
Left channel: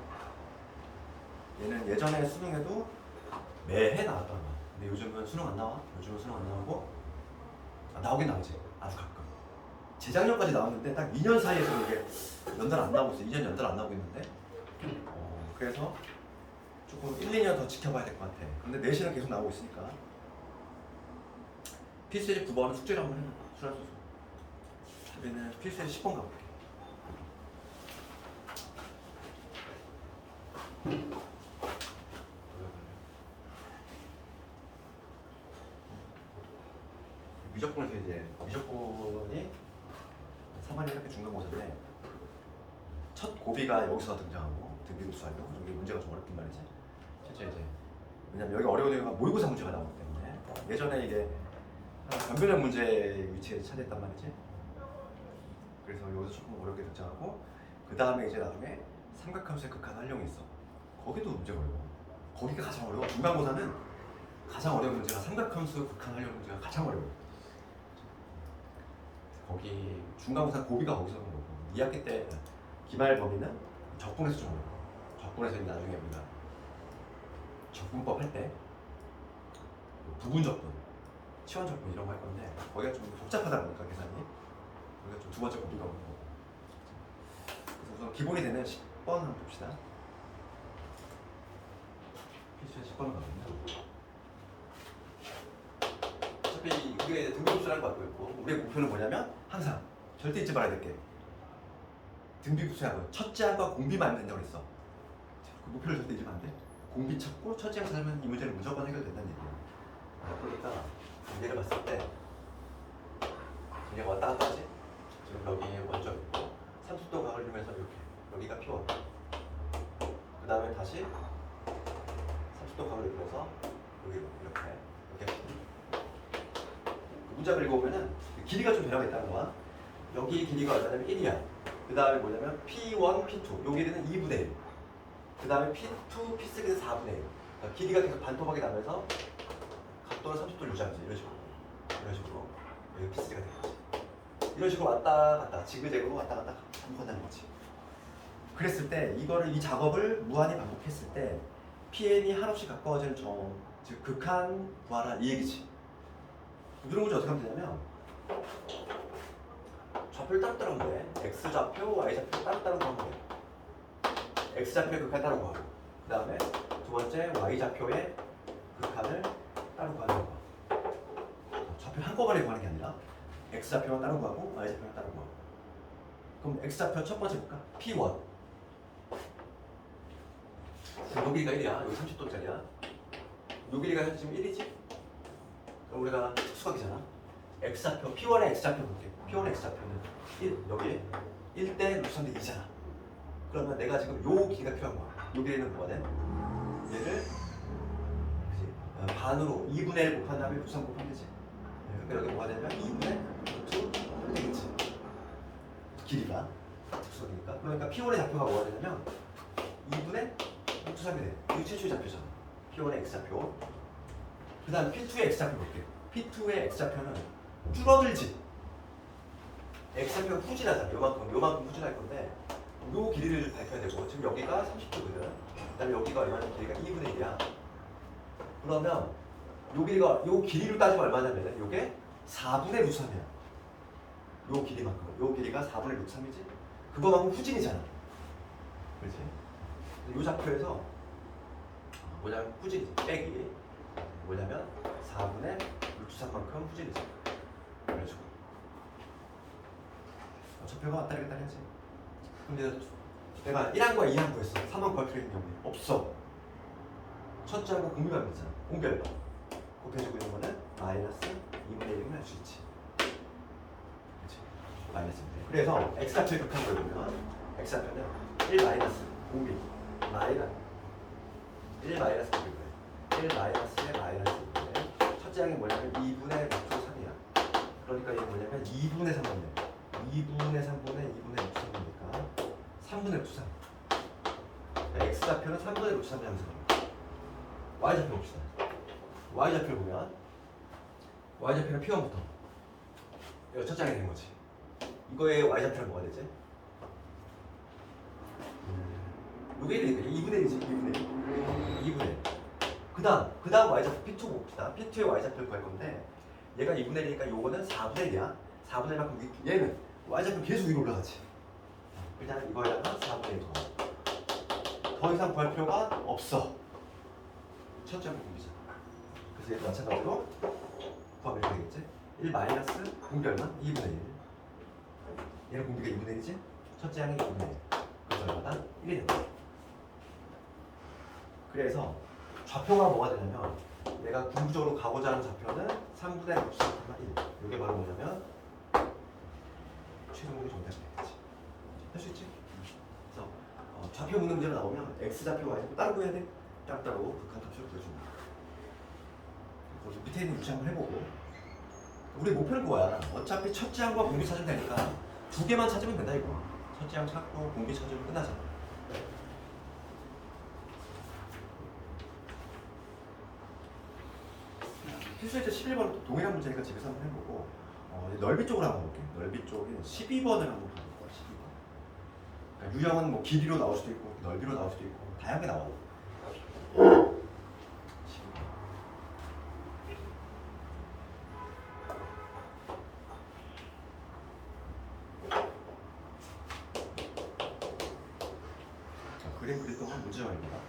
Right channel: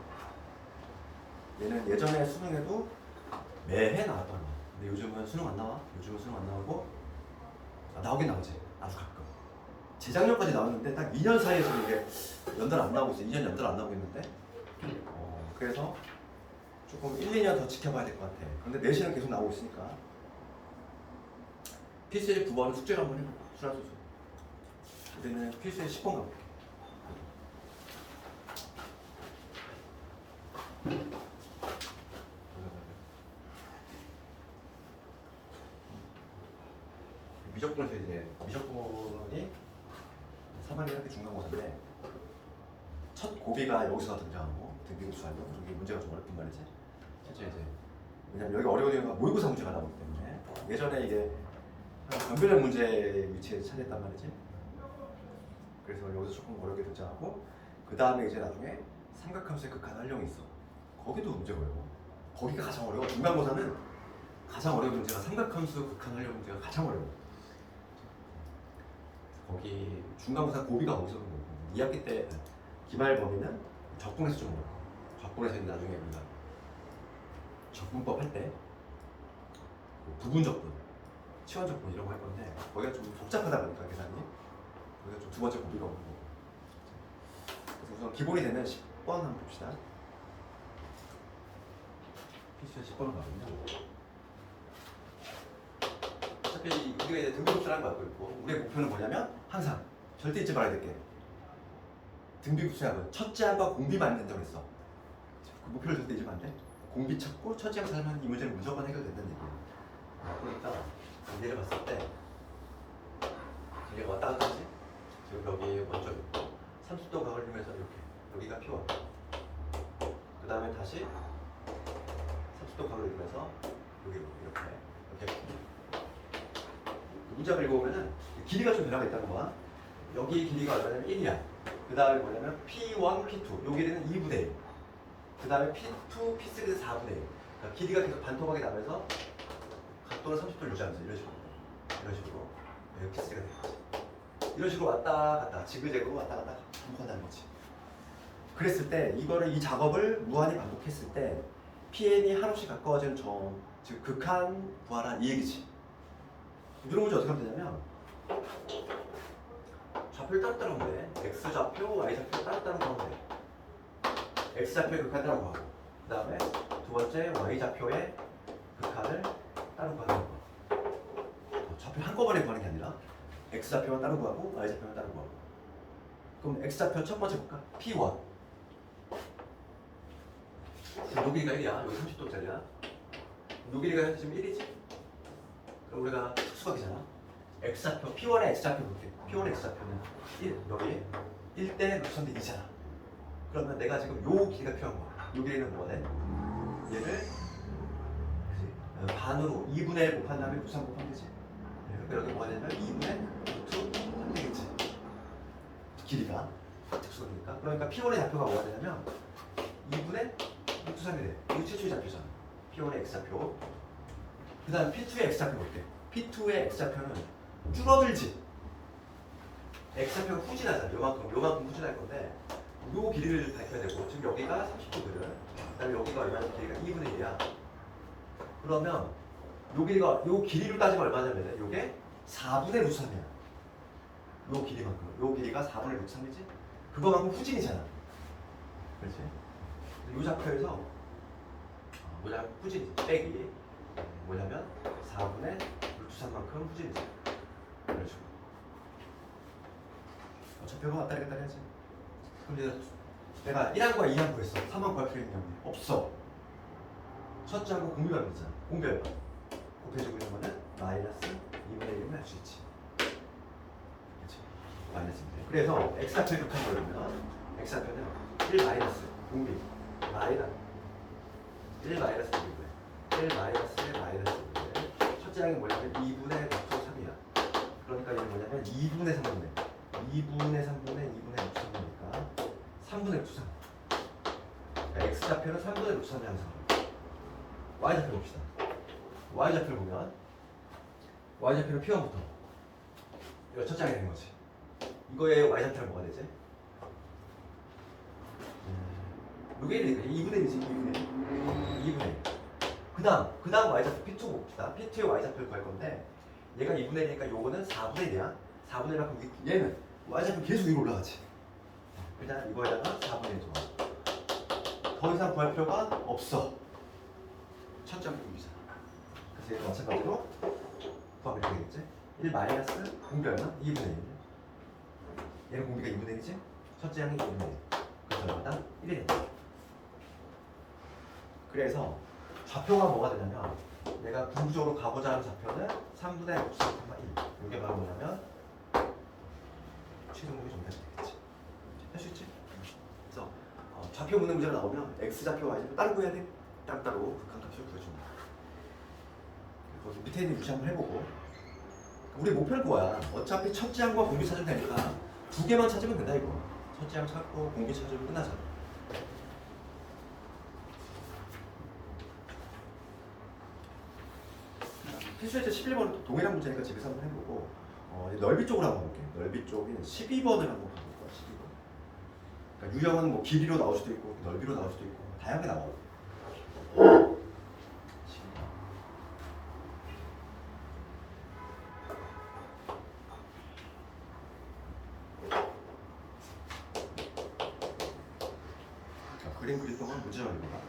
얘는 예전에 수능에도 매해 나왔던 거야. 근데 요즘은 수능 안 나와. 요즘은 수능 안 나오고 나오긴 나오지. 아주 가끔. 재작년까지 나왔는데 딱 2년 사이에 지금 이게 연달 안 나오고 있어. 2년 연달 안 나오고 있는데 그래서 조금 1, 2년 더 지켜봐야 될 것 같아. 그런데 내신은 계속 나오고 있으니까 필수제 9번은 숙제를 한번 해볼까? 순환수수. 우리는 필수제 10번 가볼게. 미적분에서 이제 미적분이 3학년 학교 중간고사인데 첫 고비가 여기서 등장하고 등비급수하고 여기 문제가 좀 어렵단 말이지. 실제 이제 왜냐면 여기 어려운 이유가 모의고사 문제가 나오기 때문에 예전에 이게 한 변별력 문제 위치에 차지했단 말이지. 그래서 여기서 조금 어렵게 등장하고 그 다음에 이제 나중에 삼각함수의 극한 활용이 있어. 거기도 문제가 어려워. 거기가 가장 어려워. 중간고사는 가장 어려운 문제가 삼각함수 극한 활용 문제가 가장 어려워. 거기 중간고사 고비가 거기서 오는 거고 2학기 때 기말 범위는 적분에서 좀 어렵고 적분에서 나중에 우리가 적분법 할 때 부분 적분, 치환 적분 이런 거 할 건데 거기가 좀 복잡하다 보니까 계산이 거기가 좀 두 번째 고비가 오는 거고. 그래서 우선 기본이 되는 10번 한번 봅시다. 필수의 10번은 가거든요. 어차피 우리가 등비급수라는 거 갖고 있고 우리의 목표는 뭐냐면 항상 절대 잊지 말아야 될 게 등비급수야 뭐 첫째 항과 공비만 된다고 했어. 그 목표를 절대 잊으면 안 돼. 공비 찾고 첫째 항 살면 이 문제는 무조건 해결된다는 얘기야. 그러니까 얘를 봤을 때 얘가 왔다 갔다 하지? 지금 여기 원점 있고 30도 각을 이루면서 이렇게 여기가 P1 그 다음에 다시 30도 각을 이루면서 여기 이렇게 문장을 읽어보면은 길이가 좀 변화가 있다는 거야. 여기 길이가 얼마냐면 1이야. 그 다음에 뭐냐면 P1, P2 요 길이는 2분의 1. 그 다음에 P2, P3는 4분의 1. 그러니까 길이가 계속 반토막이 나면서 각도는 30도를 유지하면서 이런 식으로 여기 P3가 되겠지. 이런 식으로 왔다 갔다 지그재그로 왔다 갔다 반복한다는 거지. 그랬을 때 이거를 이 작업을 무한히 반복했을 때 PN이 한없이 가까워지는 점, 즉 극한 부하라 이 얘기지. 이런 문제 어떻게 하면 되냐면 좌표를 따로따로 하면 돼. X좌표, Y좌표 따로따로 하면 돼. X좌표의 극한 따로 구하고 그 다음에 두 번째 Y좌표의 극한을 따로 구하는 거야. 좌표 한꺼번에 구하는 게 아니라 X좌표만 따로 구하고 Y좌표만 따로 구하고. 그럼 X좌표 첫 번째 볼까? P1 요 길이가 1이야. 여기 30도짜리야. 요 길이가 지금 1이지? 그럼 우리가 특수각이잖아. X좌표, P1의 X좌표 볼게. P1의 X좌표는 1, 여기 1대 루트인데 2잖아. 그러면 내가 지금 요 길이가 필요한 거야. 요 길이는 뭐가 돼? 얘를 그치? 반으로 2분의 1 곱한 다음에 루트 3 곱하면 되지. 그러니까 여기 뭐가 되냐면 2분의 루트 하면 되겠지. 길이가 특수각이니까. 그러니까 P1의 좌표가 뭐가 되냐면 2분의 루트 3이 돼. 이게 최초의 좌표잖아. P1의 X좌표. 그 다음 P2의 X좌표 볼게. P2의 X좌표는 줄어들지. X좌표가 후진하잖아. 요만큼 후진할 건데 요 길이를 밝혀야 되고 지금 여기가 30도거든. 그 다음에 여기가 얼마냐면 길이가 2분의 1이야. 그러면 요 길이가 요 길이를 따지면 얼마냐면 요게 4분의 루트 3이야. 요 길이만큼. 요 길이가 4분의 루트 3이지. 그거만큼 후진이잖아. 그렇지? 요 좌표에서 뭐냐면 후진이지. 빼기 뭐냐면 4분의 루트 3만큼 후진이지. 이런 식으로. 좌표가 왔다 갔다 해야지. 그럼 내가 1항과 2항 구했어. 3항 구할 필요 있는 게 없네. 없어. 첫째하고 공비만 되잖아. 공비할 거. 곱해주고 있는 거는 마이너스 2분의 1이면 할 수 있지. 그렇죠? 마이너스인데. 그래서 X좌표에 극한 걸 보면 X좌표는 1 마이너스 공비 마이너스 1 마이너스 공비고요. 1 마이너스의 마이너스 공비고요. 첫째 항이 뭐냐면 2분의 루트 3이야. 그러니까 얘는 뭐냐면 2분의 3분의 2분의 3분의 2분의 루트 3이니까 3분의 루트 3. X좌표는 3분의 루트 3이 항상. Y좌표 봅시다. Y좌표를 보면 Y좌표는 P1부터 이거 첫 장이 되는 거지. 이거의 Y좌표는 뭐가 되지? 요게 1이니까 2분의 1이지. 2분의 1. 그 다음 Y좌표 P2 봅시다. P2의 Y좌표를 구할 건데 얘가 2분의 1이니까 요거는 4분의 1이야. 4분의 1만큼 얘는 Y좌표 계속 위로 올라가지. 일단 이거에다가 4분의 1 더 이상 구할 필요가 없어. 첫 장 공비잖아. 그래서 얘도 마찬가지로 더하면 이렇게 되겠지. 1 마이너스 공비 얼마? 2분의 1. 얘는 공비가 2분의 1이지? 첫째 항이 2분의 1. 그래서 얼마다? 1이 된다. 그래서 좌표가 뭐가 되냐면 내가 궁극적으로 가고자 하는 좌표는 3분의 1. 이게 바로 뭐냐면 최종적인 정답이 되겠지. 할 수 있지? 그래서 좌표 묻는 문제가 나오면 X좌표, Y좌표 따로 구해야 돼. 따로 극한값을 구해줍니다. 그래서 밑에 있는 유시 한번 해보고 우리 목표는 그거야. 어차피 첫째 항과 공비 찾으면 되니까 두 개만 찾으면 된다 이거야. 첫째 항 찾고 공비 찾으면 끝나잖아. 필수예제 11번은 동일한 문제니까 집에서 한번 해보고 넓이 쪽으로 한번 볼게. 넓이 쪽에 12번을 한번 가볼 거야. 12번. 그러니까 유형은 뭐 길이로 나올 수도 있고 넓이로 나올 수도 있고 다양하게 나와. 12번. 그림 그릴 동안 문제 정리입니다.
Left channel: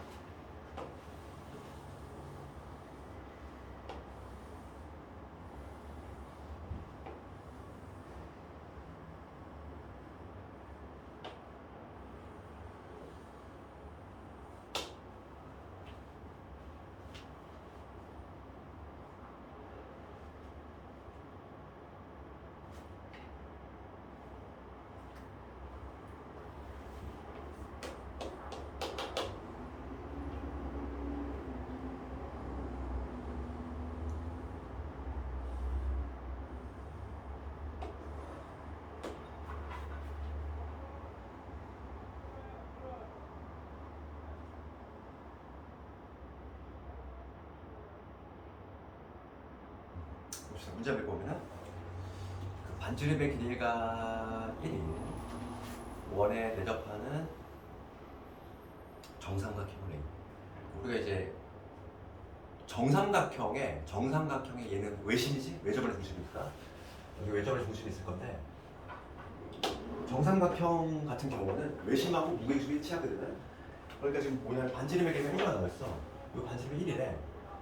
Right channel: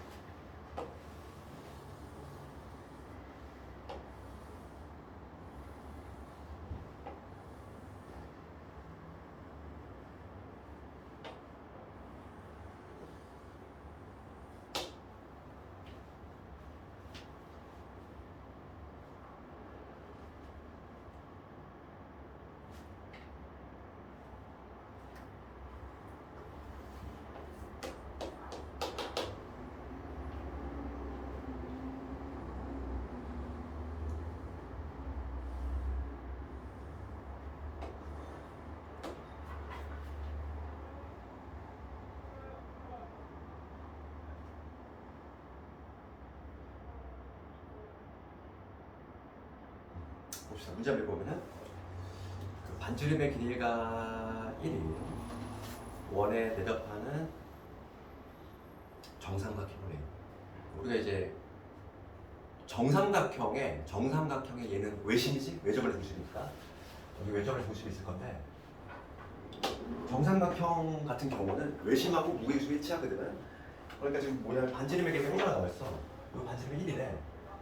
봅시다. 문제 한번 보면은 그 반지름의 길이가 1인 원에 대접하는 정삼각형을 해요. 우리가 이제 정삼각형의 얘는 외심이지? 외접의 중심이니까 여기 외접의 중심이 있을 건데 정삼각형 같은 경우는 외심하고 무게중심이 일치하거든. 그러니까 지금 뭐냐면 반지름의 길이가 1가 나와 있어. 요 반지름이 1이래.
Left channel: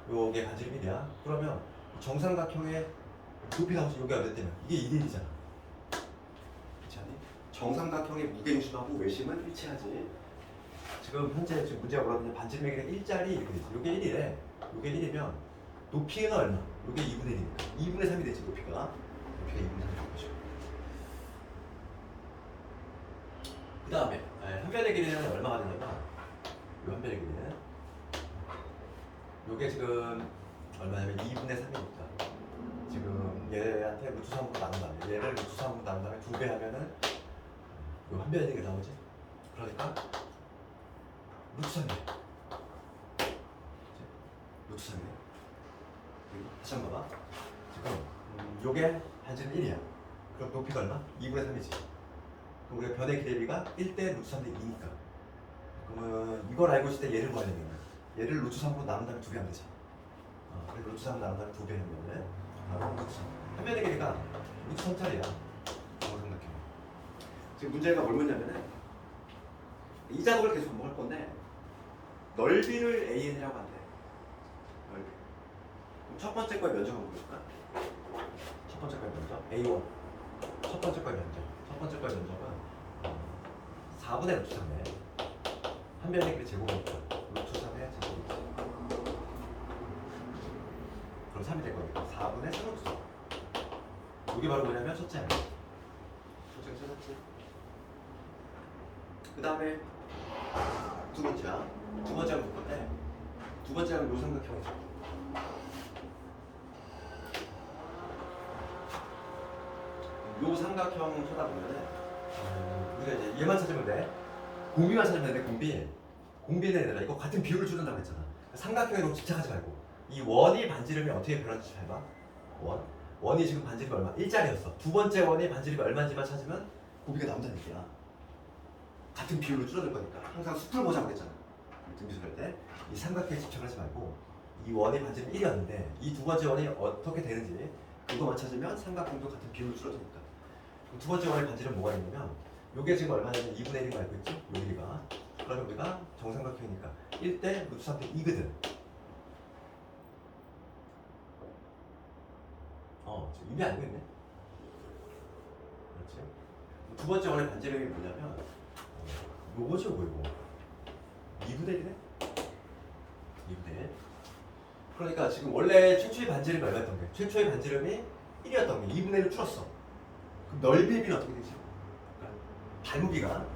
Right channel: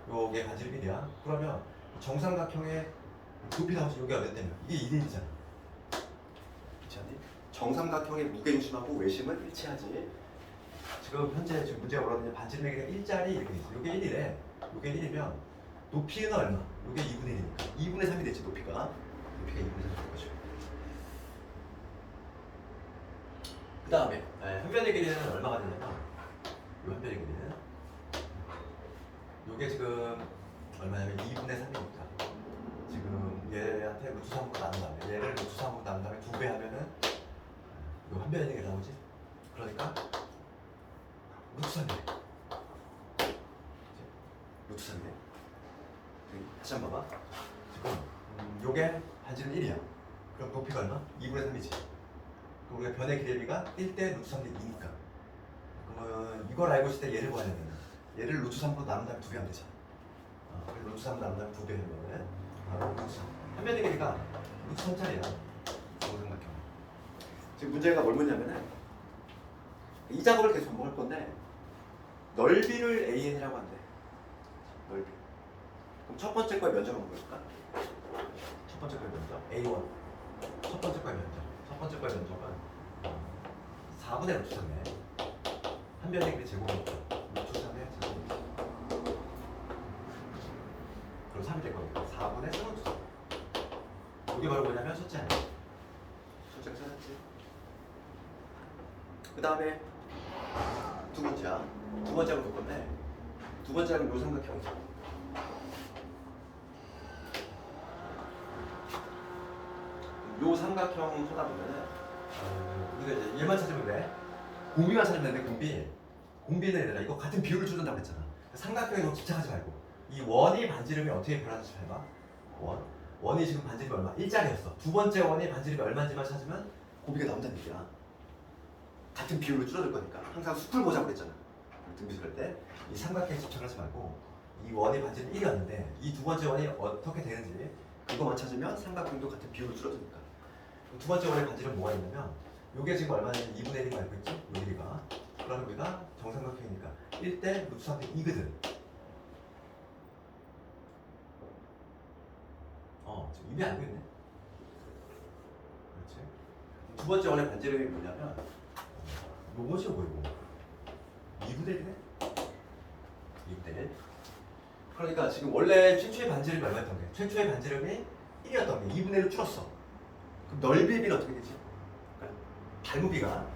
요게 반지름 1이야. 그러면 정삼각형의 높이가 여기가 몇 대면 이게 2대1이잖아. 그렇지 않니? 정삼각형의 무게중심하고 외심은 일치하지. 지금 현재 지금 문제가 뭐라고 하냐면 반지름의 길이가 1짜리 이렇게 돼 있어. 요게 1이래. 요게 1이면 높이가 얼마? 요게 2분의 1이니까 2분의 3이 되지. 높이가 2분의 3이 될 것이고. 그 다음에 현변의 길이는 얼마가 되냐면 요 현변의 길이는 요게 지금 얼마냐면 2분의 3이니까 지금 얘한테 루트 3으로 나눈 다음에 얘를 루트 3으로 나눈 다음에 2배 하면은 요 현변의 길이가 나오지. 그러니까 루트 3이래. 루트 3이래. 다시 한번 봐봐. 지금 요게 반지름 1이야. 그럼 높이가 얼마? 2분의 3이지. 그럼 우리가 변의 기대비가 1대 루트 3대 2니까 그러면 이걸 알고 있을 때 얘를 구하려면 얘를 루트 3으로 나눈 다음에 2배 하면 되잖아. 그래서 루트 3으로 나눈 다음에 2배 하면은 바로 루트 3. 한 변의 길이가 루트 3짜리야. 정삼각형. 지금 문제가 뭘 묻냐면은 이 작업을 계속 한번 할 건데 넓이를 AN이라고 한대. 넓이. 그럼 첫 번째 거의 면적을 볼까? 첫 번째 거의 면적 A1. 첫 번째 거의 면적. 첫 번째 거의 면적은 4분의 루트 3에 한 변의 길이 제곱이니까 루트 3의 제곱이지. 그럼 3이 될 거니까 4분의 3 루트 3. 이게 바로 뭐냐면 첫째 아니야. 첫째가 찾았지. 그 다음에 두 번째야. 두 번째가 볼 건데 두 번째가 요 삼각형이죠. 요 삼각형 쳐다보면은 우리가 이제 얘만 찾으면 돼. 공비만 찾으면 되는데 공비는 얘들아 이거 같은 비율을 줄는다고 그랬잖아. 삼각형에 너무 집착하지 말고 이 원이 반지름이 어떻게 변하는지 잘 봐. 원이 지금 반지름이 얼마? 1짜리였어. 두 번째 원이 반지름이 얼마인지만 찾으면 공비가 나온다는 얘기야. 같은 비율을 줄어들 거니까 항상 숲을 보자고 그랬잖아. 등비술할 때 이 삼각형에 집착하지 말고 이 원이 반지름이 1이었는데 이 두 번째 원이 어떻게 되는지 그거만 찾으면 삼각형도 같은 비율을 줄어드니까. 두 번째 원의 반지름 뭐가 있냐면 요게 지금 얼마냐면 2분의 1인 거 알고 있지? 요 길이가. 그러면 우리가 정삼각형이니까 1대 루트 3대 2거든. 지금 이미 알고 있네. 그렇지. 두 번째 원의 반지름이 뭐냐면 요거죠, 뭐이고 2분의 1이네? 2분의 1. 그러니까 지금 원래 최초의 반지름이 얼마였던 게? 최초의 반지름이 1이었던 게 2분의 1로 줄었어. 그럼 넓이의 비는 어떻게 되지? 그러니까 발무비가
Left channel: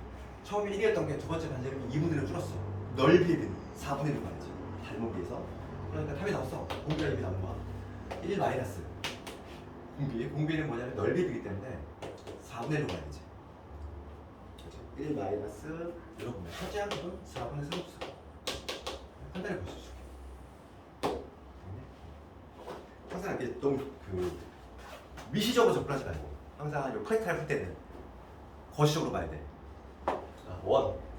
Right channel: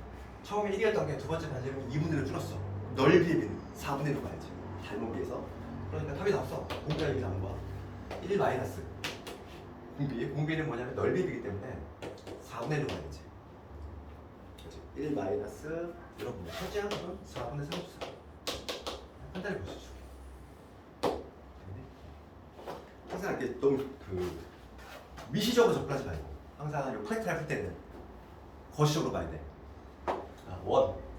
처음에 1이었던 게 두 번째 반지름이 2분의 1로 줄었어. 넓이의 비는 4분의 1로 가야지. 발무비에서. 그러니까 답이 나왔어. 공비가 이미 나온 거야. 1 마이너스 공비는 뭐냐면 넓이의 비이기 때문에 4분의 1로 가야지. 1 마이너스 여러분 첫째 항은 4분의 3로 써. 간단히 볼 수 있어. 항상 이렇게 너무 미시적으로 접근하지 말고 항상 이 프랙티컬 할 때는 거시적으로 봐야 돼.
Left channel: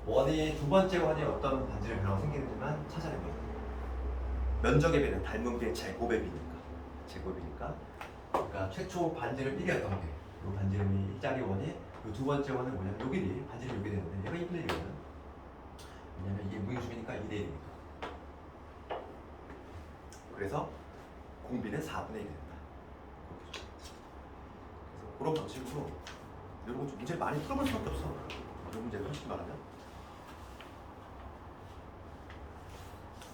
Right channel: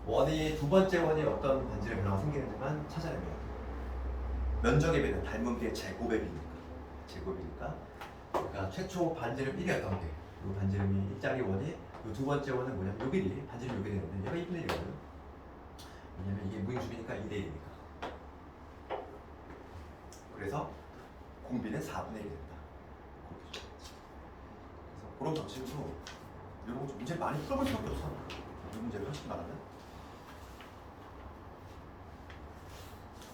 원이 두 번째 원이 어떤 반지름 변화가 생기는지만 찾아내면 면적의 배는 닮은 비의 제곱이니까 그러니까 최초 반지름 1이었던 게 이 반지름이 1짜리 원이 이 두 번째 원은 뭐냐면 요 길이 반지름 요 길이 되는데 얘가 2분의 1이거든. 왜냐면 이게 무게중심이니까 2대 1이니까. 그래서 공비는 4분의 1이 된다. 그래서 그런 방식으로 이런 거 좀 문제 많이 풀어볼 수밖에 없어. 이 문제를 솔직히 말하면.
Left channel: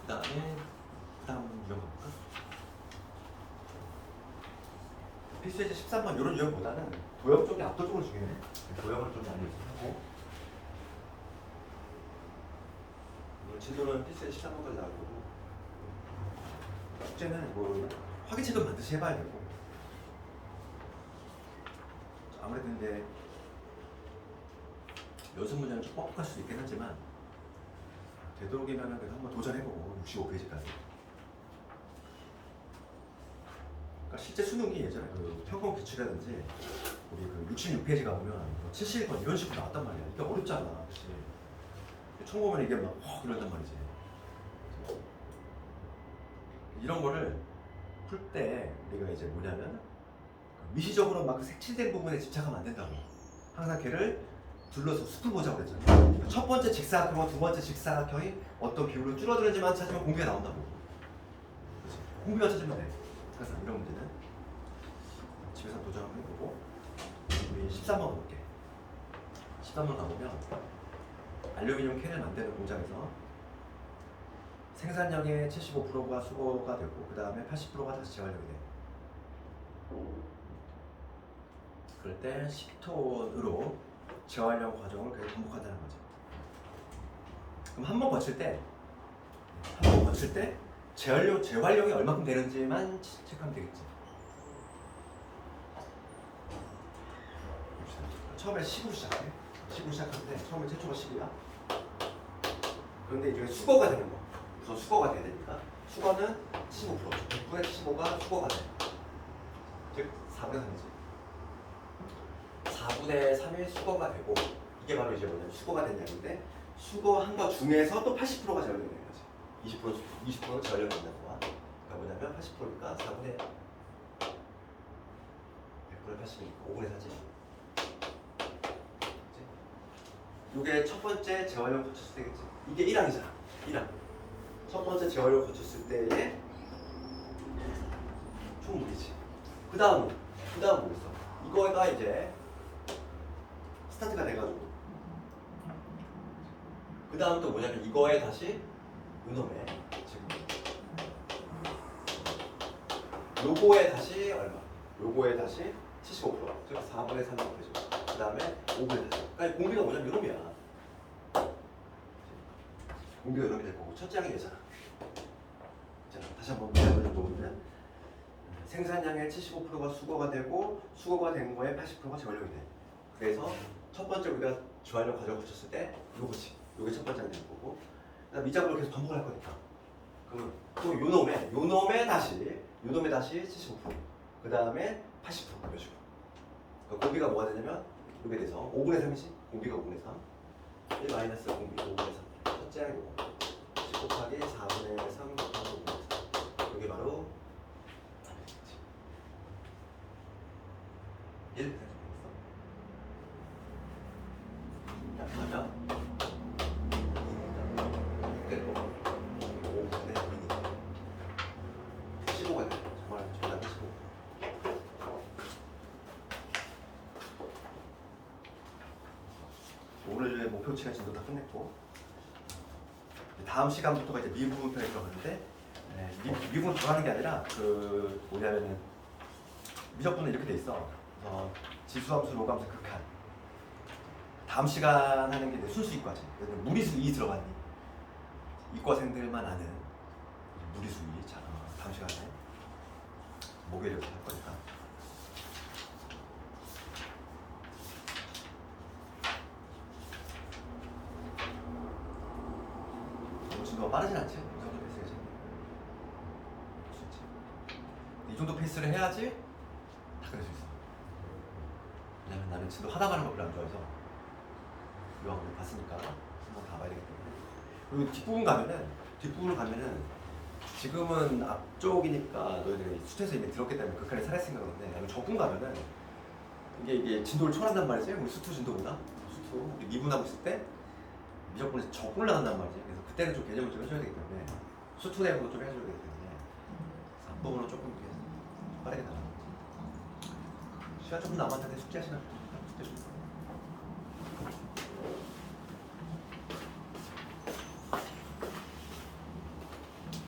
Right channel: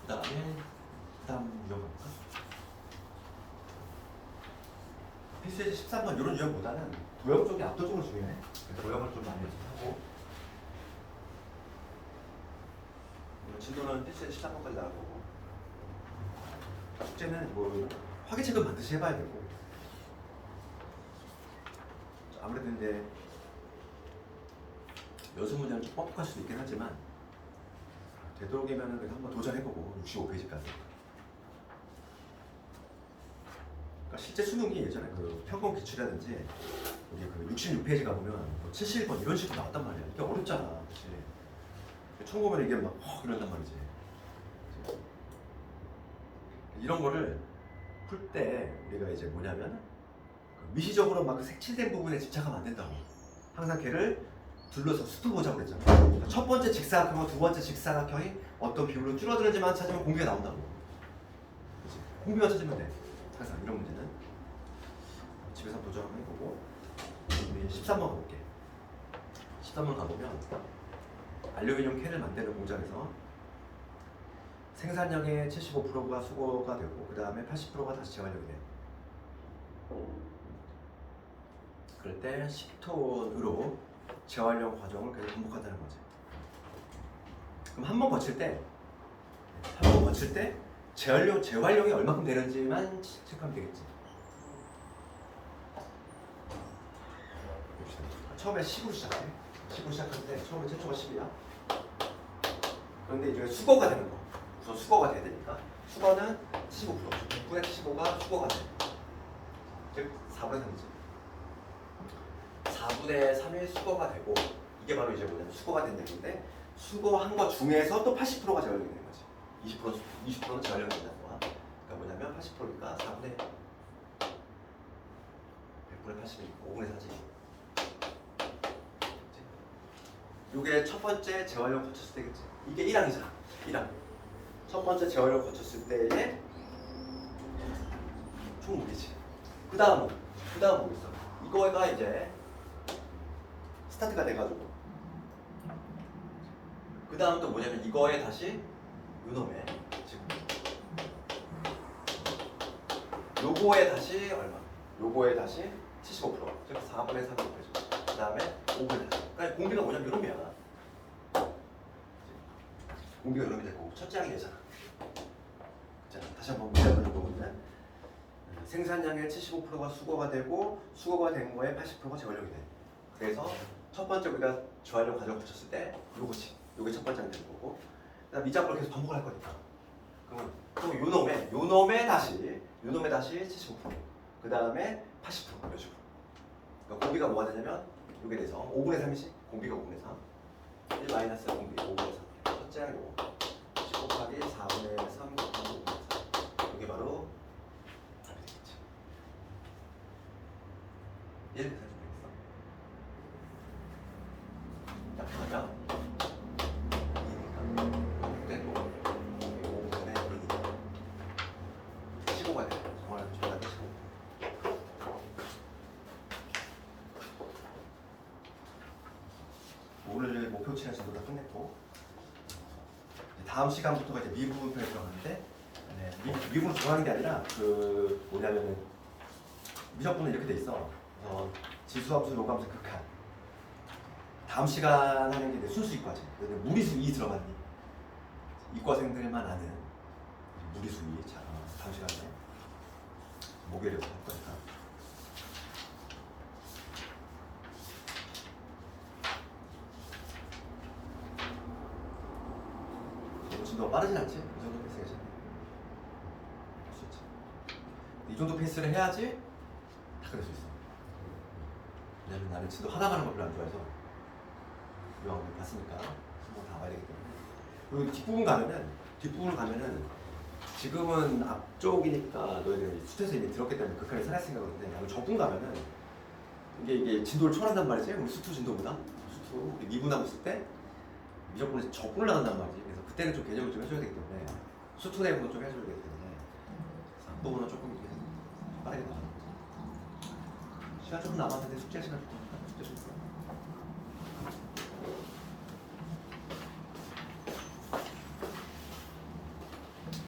그 다음 유형 볼까? 필수예제 13번 이런 유형보다는 도형 쪽이 압도적으로 중요해. 도형을 좀 많이 하고 진도는 필수예제 13번까지 나오고 숙제는 뭐 화기책은 반드시 해봐야 되고 아무래도 이제 연습 문제는 좀 뻑뻑할 수도 있긴 하지만 되도록이면 그래도 한번 도전해보고 65페이지까지. 그러니까 실제 수능이 예전에 그 평범 기출이라든지 우리 그 66페이지 가보면 71번 이런 식으로 나왔단 말이야. 이게 어렵잖아, 그렇지? 처음 보면 이게 막 이런단 말이지. 그치? 이런 거를 풀 때 우리가 이제 뭐냐면 미시적으로 막 그 색칠된 부분에 집착하면 안 된다고. 항상 걔를 둘러서 숲을 보자고 그랬잖아. 그러니까 첫 번째 직사각형과 두 번째 직사각형이 어떤 비율로 줄어드는지만 찾으면 공비가 나온다고. 그렇지? 공비만 찾으면 돼. 항상 이런 문제는 집에서 한번 도전 한번 해보고. 우리 13번 가볼게. 13번 가보면 알루미늄 캔을 만드는 공장에서 생산량의 75%가 수거가 되고 그 다음에 80%가 다시 재활용이 돼. 그럴 때 10톤으로 재활용 과정을 계속 반복한다는 거지. 그럼 한 번 거칠 때 재활용이 얼마큼 되는지만 체크하면 되겠지. 봅시다. 처음에 10으로 시작해. 10으로 시작하는데 처음에 최초가 10이야. 그런데 이제 수거가 되는 거. 우선 수거가 돼야 되니까. 수거는 75%. 9의 75가 수거가 돼. 즉 4분의 3이지. 4분의 3이 수거가 되고 이게 바로 이제 뭐냐면 수거가 된 양인데 수거한 것 중에서 또 80%가 재활용이 되는 거지. 20%는 재활용이 된다는 거야. 그러니까 뭐냐면 80%니까 4분의 100분의 80이니까 5분의 4지. 이게 첫 번째 재활용 거쳤을 때겠지. 이게 1항이잖아. 1항. 첫 번째 재활용 거쳤을 때의 총 무게지. 그 다음은 뭐겠어? 이거가 이제 스타트가 돼가지고 그 다음 또 뭐냐면 이거에 다시 요놈에 지금 요거에 다시 얼마? 요거에 다시 75%가 즉 4분의 3 곱해주고 그 다음에 5분의 4. 그러니까 공비가 뭐냐면 요놈이야. 공비가 요놈이 되고 첫째 항이 되잖아. 자, 다시 한번 문제를 보면 생산량의 75%가 수거가 되고 수거가 된 거에 80%가 재활용이 돼. 그래서 첫 번째 우리가 재활용 과정을 거쳤을 때 요거지. 요게 첫 번째 안 되는 거고. 그다음 이 작업을 계속 반복을 할 거니까. 그러면 또 요놈에 다시 75%. 그 다음에 80% 이런 식으로. 그러니까 공비가 뭐가 되냐면 요게 돼서 5분의 3이지. 공비가 5분의 3. 1 마이너스 공비 5분의 3. 첫째 항이고 10 곱하기 4분의 3 곱하기 5분의 3. 요게 바로 1 딱 하면 2니까 됐고 5분의 1이니까 15가 돼. 정답이 15. 오늘 목표치는 지금 다 끝냈고 다음 시간부터가 이제 미분편에 들어가는데 미분 들어가는 게 아니라 그 뭐냐면은 미적분은 이렇게 돼 있어. 지수함수, 로감수, 극한. 다음 시간 하는 게 이제 순수 이과지. 무리수 2 들어가니 이과생들만 아는 무리수 2. 자, 다음 시간에 목요일부터 할 거니까. 너무 빠르진 않지? 이 정도 페이스 괜찮네. 할 수 있지. 이 정도 페이스를 해야지 다 그럴 수 있어. 왜냐면 나는 진도 하다가는 거 별로 안 좋아해서 이왕 봤으니까 한번 다 봐야 되기 때문에. 그리고 뒷부분을 가면은 지금은 앞쪽이니까 너희들 수트에서 이미 들었기 때문에 극한에 살아있으니까 그런데 나는 적분 가면은 이게 진도를 초월한단 말이지. 우리 수트 진도보다 수트 우리 미분하고 있을 때 미적분에서 적분을 나간단 말이지. 그래서 그때는 좀 개념을 좀 해줘야 되기 때문에 수트 내부도 좀 해줘야 되기 때문에 앞부분은 조금 이렇게 빠르게 나가는 거지. 시간 조금 남았는데 숙제 시간 줄 테니까 숙제 좀.